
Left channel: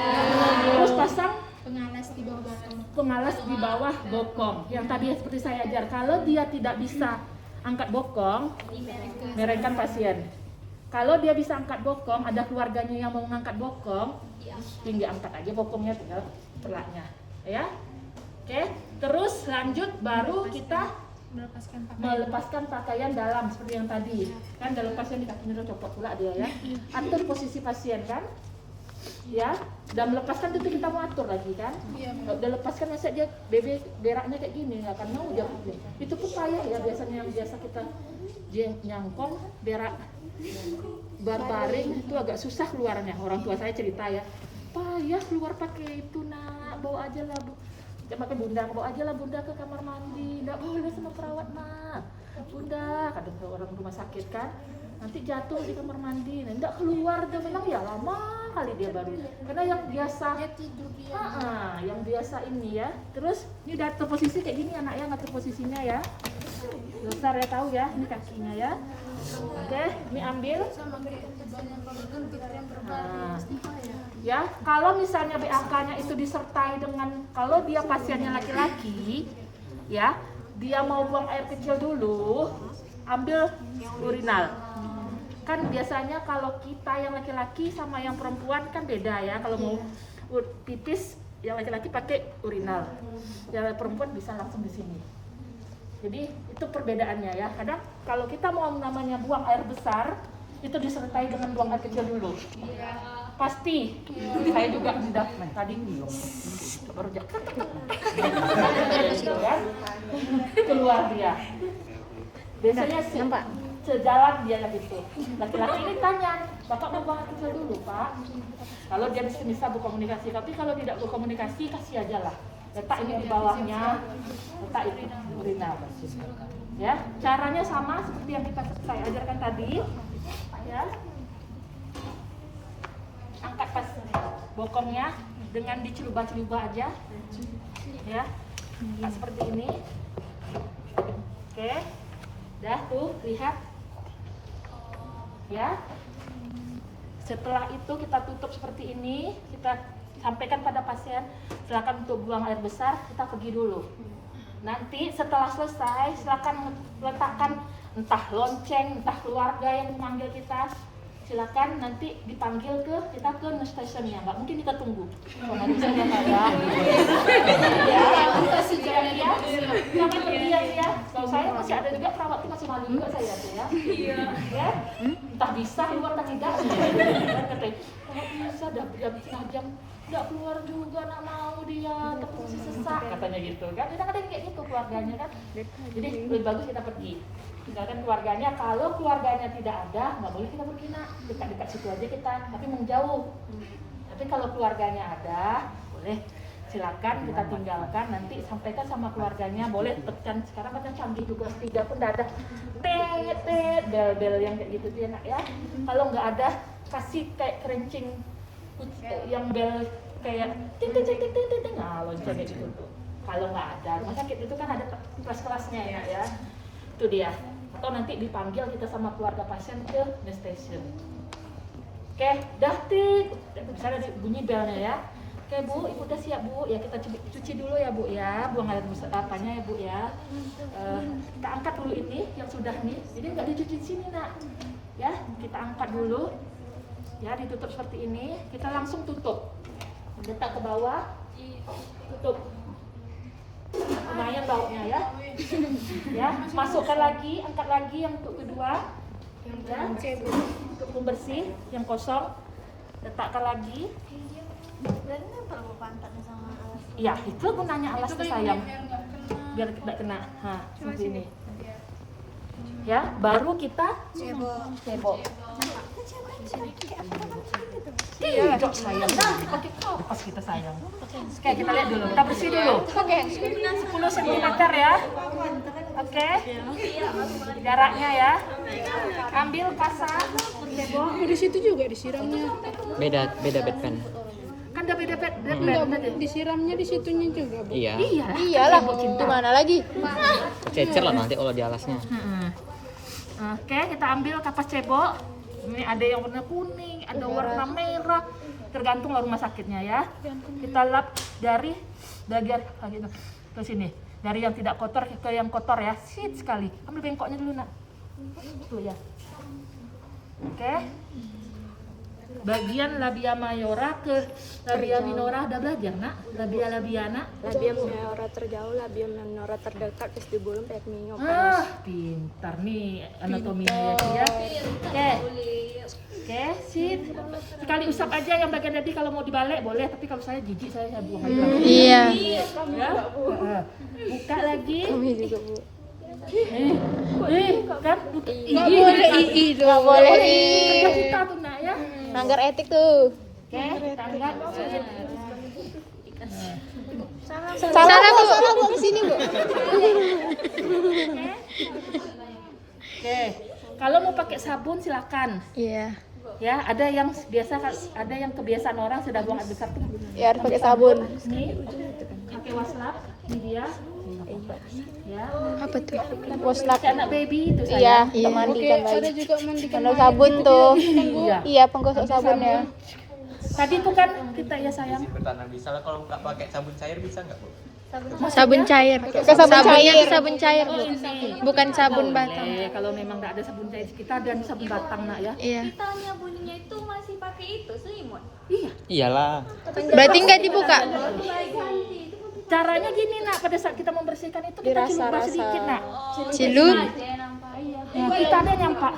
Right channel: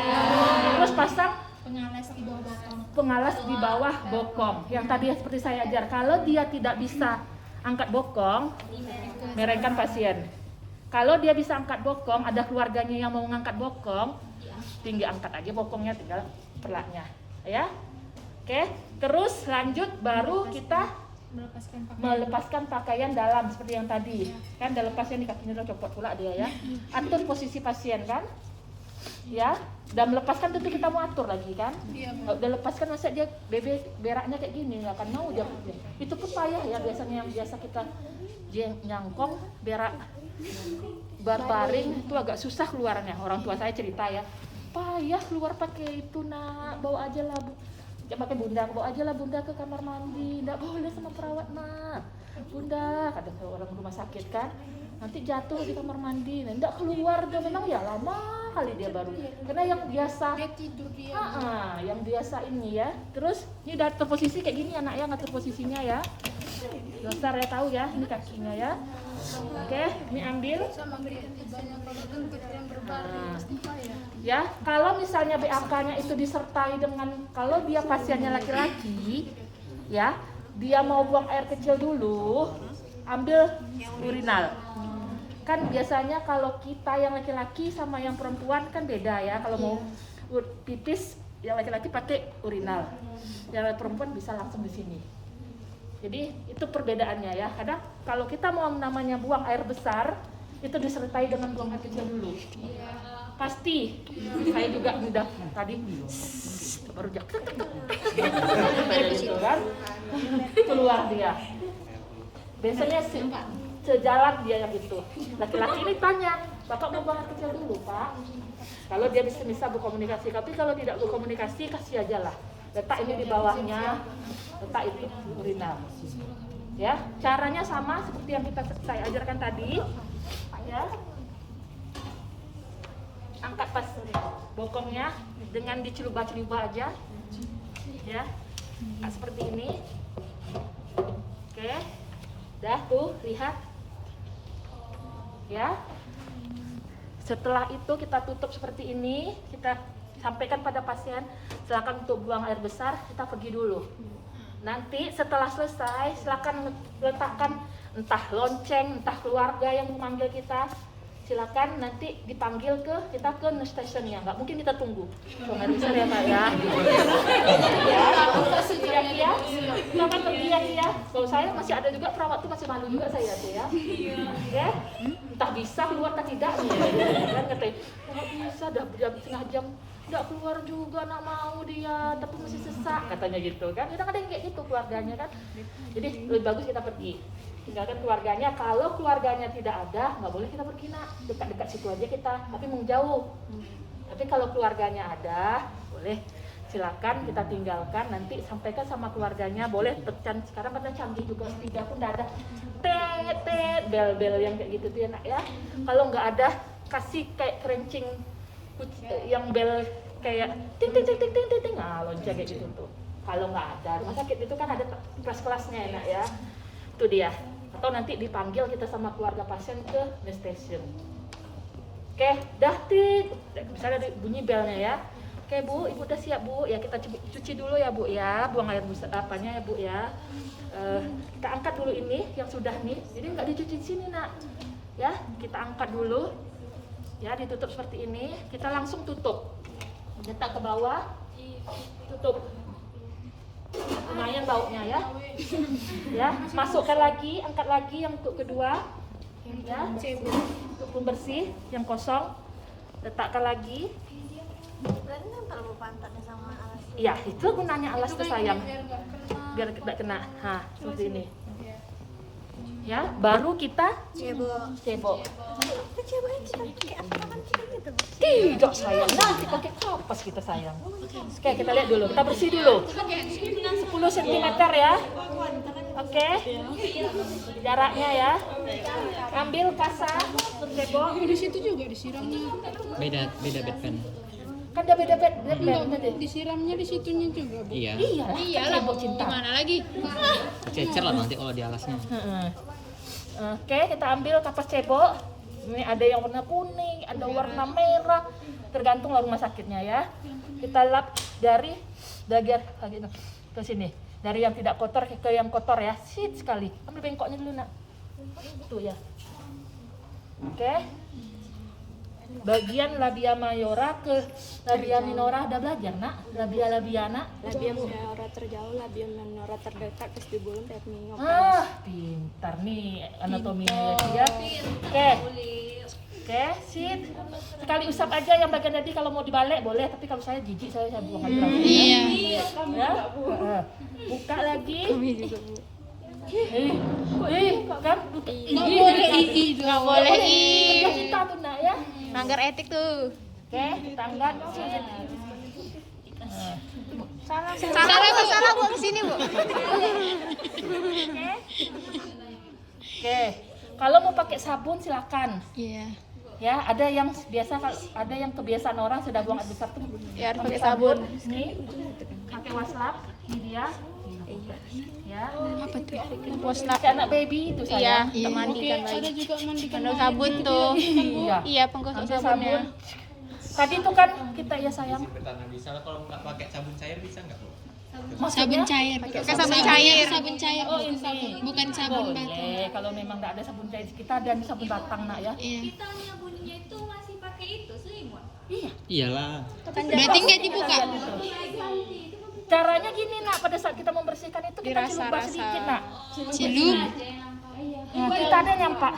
Terus pasang Pengalas di bawah botol. pengalas di bawah bokong. Yang tadi seperti saya ajar, kalau dia tidak bisa angkat bokong, merengkan pasien. Kalau dia bisa angkat bokong, ada keluarganya yang mau mengangkat bokong, tinggal angkat aja bokongnya, tinggal perlaknya, ya. Oke, terus lanjut baru kita melepaskan pakaian dalam seperti yang tadi. Kan udah lepas yang di kakinya udah copot pula dia ya. Atur posisi pasien kan? Ya, dan melepaskan tentu kita mau atur lagi kan? Kalau udah lepaskan masa dia beraknya kayak gini nggak akan mau dia. Itu pun payah ya biasanya yang biasa kita dia nyangkong berak berbaring itu agak susah keluarnya. Orang tua saya cerita ya, payah keluar pakai itu nak, bawa aja lah Bu. Jangan pakai bunda, bawa aja lah bunda ke kamar mandi. Nggak boleh sama perawat nak. Bunda, kata orang rumah sakit kan, nanti jatuh di kamar mandi. Nah, nggak keluar dia memang ya lama kali dia baru. Karena yang biasa, yang biasa ini ya. Terus ini udah terposisi kayak gini anak ya, ngatur posisinya ya. Besar ya tahu ya, ini kakinya ya. Oke, ini ambil. Nah, ya, kalau misalnya BAK-nya itu disertai dengan, kalau dia pasiennya laki-laki, ya, dia mau buang air kecil dulu, ambil urinal. Kan biasanya kalau kita yang laki-laki sama yang perempuan kan beda ya. Kalau mau pipis, yang laki-laki pakai urinal, yang perempuan bisa langsung di sini. Jadi itu perbedaannya ya. Kadang kalau kita mau namanya buang air besar, itu disertai dengan buang air kecil dulu. Pasti. Saya juga udah tadi baru keluar dia. Biasanya sejalan dia yang itu. Laki-laki ini tanya, Bapak mau buang air kecil dulu Pak? Kalau dia bisa berkomunikasi, tapi kalau tidak berkomunikasi kasih aja lah. Letak ini di bawahnya, letak itu urinal. Ya, caranya sama seperti yang saya ajarkan tadi. Ya. Angkat pas bokongnya dengan diceluba-celuba aja. Ya. Nah, seperti ini. Oke. Dah tuh, lihat. Ya. Setelah itu kita tutup seperti ini, kita sampaikan pada pasien, silakan untuk buang air besar, kita pergi dulu. Nanti setelah selesai, silakan letakkan entah lonceng, entah keluarga yang memanggil kita. Silakan nanti dipanggil kita ke nurse stationnya, nggak mungkin kita tunggu. Nggak bisa ya Pak ya. Ya, jangan pergi ya. Kalau saya masih ada juga perawat tuh masih malu juga saya tuh ya. Ya, entah bisa keluar tak tidak. Bisa dah jam setengah jam nggak keluar juga, nggak mau dia, tapi masih sesak katanya gitu kan. Kadang ada yang kayak gitu keluarganya kan. Jadi lebih bagus kita pergi. Tinggalkan keluarganya. Kalau keluarganya tidak ada, nggak boleh kita pergi nak, dekat-dekat situ aja kita, tapi menjauh. Tapi kalau keluarganya ada, boleh silakan kita tinggalkan. Nanti sampaikan sama keluarganya, boleh tekan. Sekarang kan canggih juga, tiga pun ada tet bel-bel yang kayak gitu tuh enak ya. Kalau nggak ada, kasih kayak kerencing yang bel kayak ting ting ting ting ting ting, nah lonceng kayak gitu tuh. Kalau nggak ada rumah sakit itu kan ada kelas-kelasnya ya. Itu dia. Atau nanti dipanggil kita sama keluarga pasien ke nurse station. Oke, dah tik. Misalnya bunyi belnya ya. Oke Bu, Ibu udah siap Bu. Ya kita cuci dulu ya Bu ya. Buang air apanya ya Bu ya. Kita angkat dulu ini yang sudah nih. Jadi nggak dicuci di sini nak. Ya, kita angkat dulu. Ya, ditutup seperti ini. Kita langsung tutup. Letak ke bawah. Tutup. Lumayan baunya ya. Ya, masukkan lagi, angkat lagi yang untuk kedua. Ya, untuk pembersih yang kosong. Letakkan lagi. Berarti terlalu pantatnya sama alas. Ya, itu gunanya alas tuh sayang. Biar tidak kena. Nah, seperti ini. Ya, baru kita cebok. Tidak sayang. Nanti pakai kapas kita sayang. Oke, kita lihat dulu. Kita bersih dulu. Oke, 10 cm ya. Oke. Jaraknya ya. Ambil kasar, bercebok. Oh, di situ juga disiramnya. Beda bed pen. Kan udah beda Enggak, Bu. Disiramnya di situnya juga, Bu. Iya. Iyalah, di mana lagi? Kececer lah nanti kalau di alasnya. Oke, kita ambil kapas cebok. Ini ada yang warna kuning, ada warna merah, tergantung rumah sakitnya ya. Kita lap dari bagian ke sini, dari yang tidak kotor ke yang kotor ya. Sit sekali. Ambil bengkoknya dulu nak. Tuh ya. Oke. Bagian labia mayora ke labia minora udah belajar nak? Labia labiana. Labia minora terjauh, labia minora terdekat, vestibulum, pekmio. Pintar nih anatominya ya. Oke, sip. Sekali usap aja yang bagian tadi, kalau mau dibalik boleh, tapi kalau saya jijik saya buang aja. Iya. Ya. Buka lagi. Kan? Nggak boleh. Kerja kita tuh nak ya. Melanggar etik tuh. Oke, tangga. Salah Bu, kesini Bu. Oke, kalau mau pakai sabun silakan. Iya. Ya, ada yang kebiasaan orang sudah buang air besar tuh. Ya harus pakai sabun. Ini pakai waslap, ini dia. Ya. Apa tuh? Waslap. Pakai anak baby itu Iya, sayang. untuk mandikan Ada bayi. juga mandikan Kalau sabun tuh. Iya. Iya, penggosok sabunnya. Tadi itu kan kita ya sayang. Pertanyaan bisa lah kalau nggak pakai sabun cair bisa nggak Bu? Sabun cair. Pakai sabun cair, Bu. Bukan sabun batang. Kalau memang nggak ada sabun cair, kita ada sabun batang nak ya. Iya. Kitanya bunyinya itu masih pakai itu selimut. Iya. Iyalah. Berarti nggak dibuka? Caranya gini nak, pada saat kita membersihkan itu kita celupkan sedikit nak. Cilup. Nah, kita ada nyampak.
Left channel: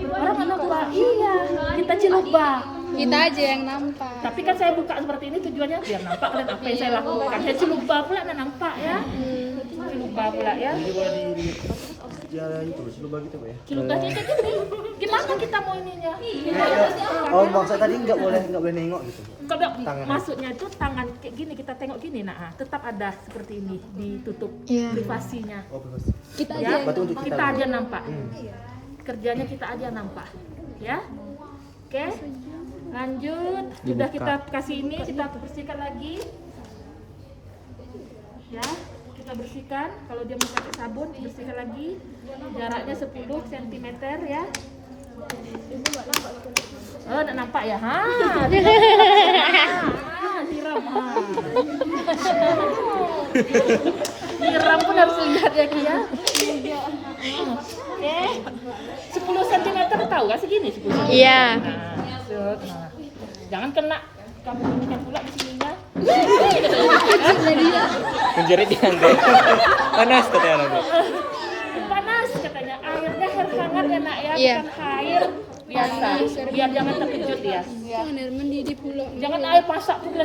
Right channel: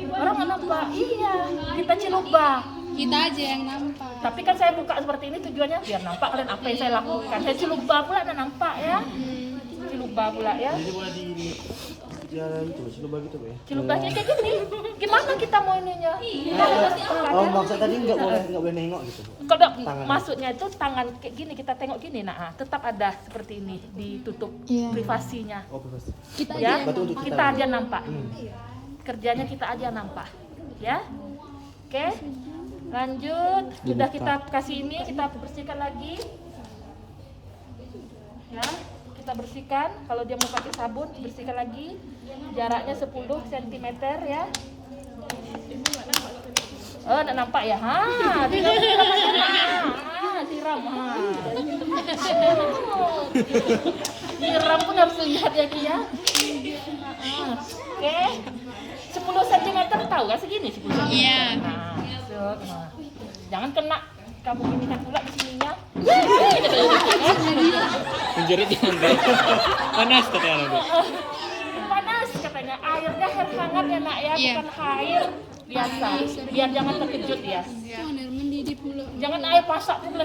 Orang nampak, iya. Kita celupkan. Kita aja yang nampak. Tapi kan saya buka seperti ini tujuannya biar nampak kan apa yang saya lakukan. Saya celupa pula dan nampak ya. Celupa pula ya. Jadi boleh di jalan itu, coba gitu ya. Celupanya kayak gini. Gimana kita mau ininya? Oh, maksud tadi nggak boleh nengok gitu. Kalau maksudnya itu tangan kayak gini, kita tengok gini, nah tetap ada seperti ini ditutup privasinya. Oh, bebas. Ya, Berarti untuk kita aja nampak. Kerjanya kita aja nampak, ya. Oke, lanjut. Sudah kita kasih ini, kita bersihkan lagi. Ya, kita bersihkan. Kalau dia mau pakai sabun, bersihkan lagi. Jaraknya 10 cm ya. Oh, enggak nampak ya? Ha. Siram. Siram pun harus lihat ya, Ki ya. Oke. 10 cm tahu kan segini 10 cm. Iya. Jangan kena kamu ini pula di sininya. Menjerit di lantai. Panas katanya nanti. Panas katanya. Airnya hangat ya nak ya, Iya. bukan air biasa. Biar jangan terkejut ya. Kan air mendidih pula. Jangan air pasak pula.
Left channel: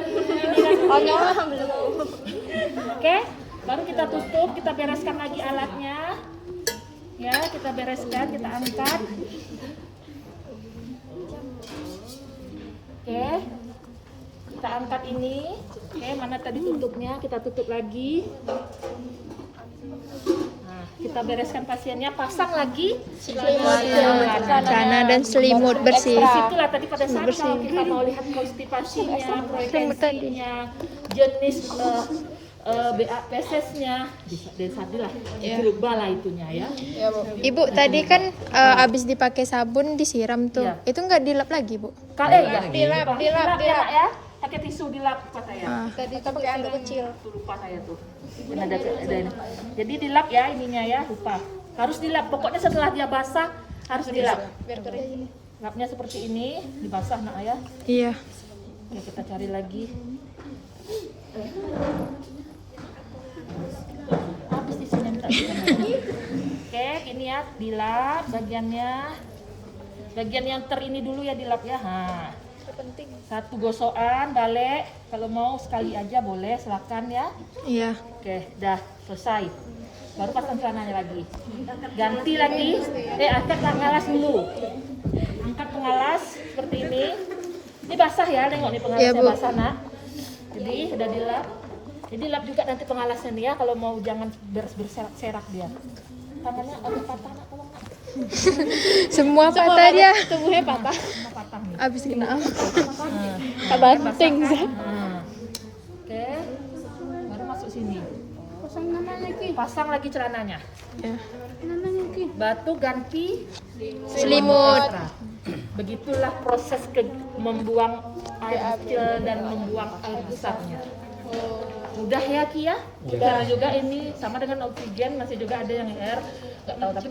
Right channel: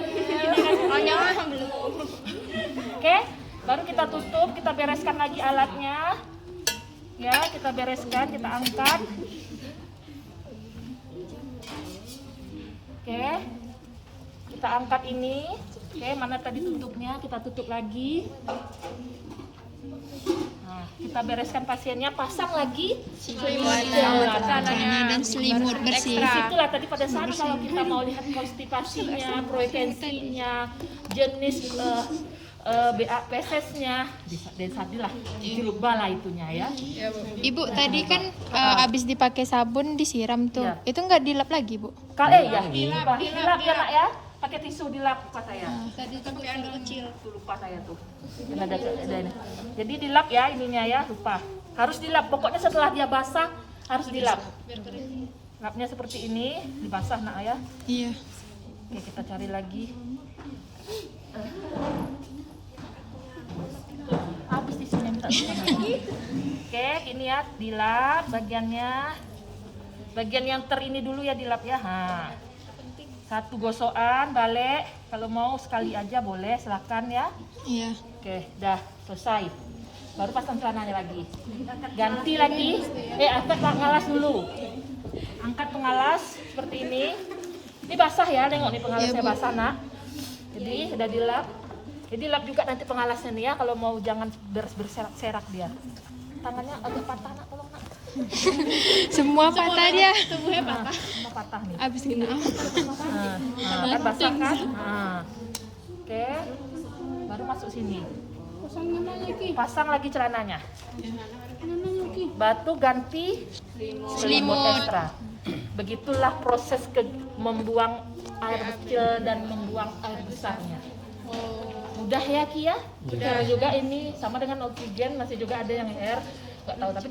Oh, nyawa belum. Oke, baru kita tutup, kita bereskan lagi alatnya. Ya, kita bereskan, kita angkat. Oke, kita angkat ini. Oke, mana tadi tutupnya? Kita tutup lagi. Nah, kita kita bereskan pasiennya, pasang lagi Celana dan selimut bersih. Disitulah tadi pada saat kalau kita mau lihat konstipasinya, frekuensinya, jenis BA-PSS-nya, dan sadilah dirubah lah itunya ya. Ibu tadi kan abis dipakai sabun disiram tuh. Iya. Itu nggak dilap lagi, Bu? Dilap ya. Pakai tisu dilap lupa saya. Tadi kita pakai anduk kecil. Lupa saya tuh. Ini ada. Jadi dilap ya ininya ya, lupa. Harus dilap. Pokoknya setelah dia basah harus dilap. Biar kering. Lapnya seperti ini, dibasah nak ya. Iya. Oke, kita cari lagi. Habis di sini. Oke, ini ya dilap bagiannya. Bagian yang ini dulu ya dilap ya. Penting. Satu gosokan, balik. Kalau mau sekali aja boleh, silakan ya. Iya. Oke, dah selesai. Baru pasang celananya lagi. Ganti lagi. Angkat pengalas dulu. Angkat pengalas seperti ini. Ini basah ya, tengok nih pengalasnya Iya, Bu. basah nak. Jadi udah dilap. Jadi lap juga nanti pengalasnya nih ya, kalau mau jangan berserak-serak dia. Tangannya agak patah nak, tolong nak. Semua patah dia. Tubuhnya patah. Semua patah nih. Abis kena apa? Banting. Oke, baru masuk sini. Pasang namanya Ki. Pasang lagi celananya. Ya. Namanya Ki. Batu ganti Selimut. ekstra. Begitulah proses membuang air kecil dan membuang air besarnya. Mudah ya Ki ya? Udah juga ini sama dengan oksigen, masih juga ada yang air. Nggak tahu tapi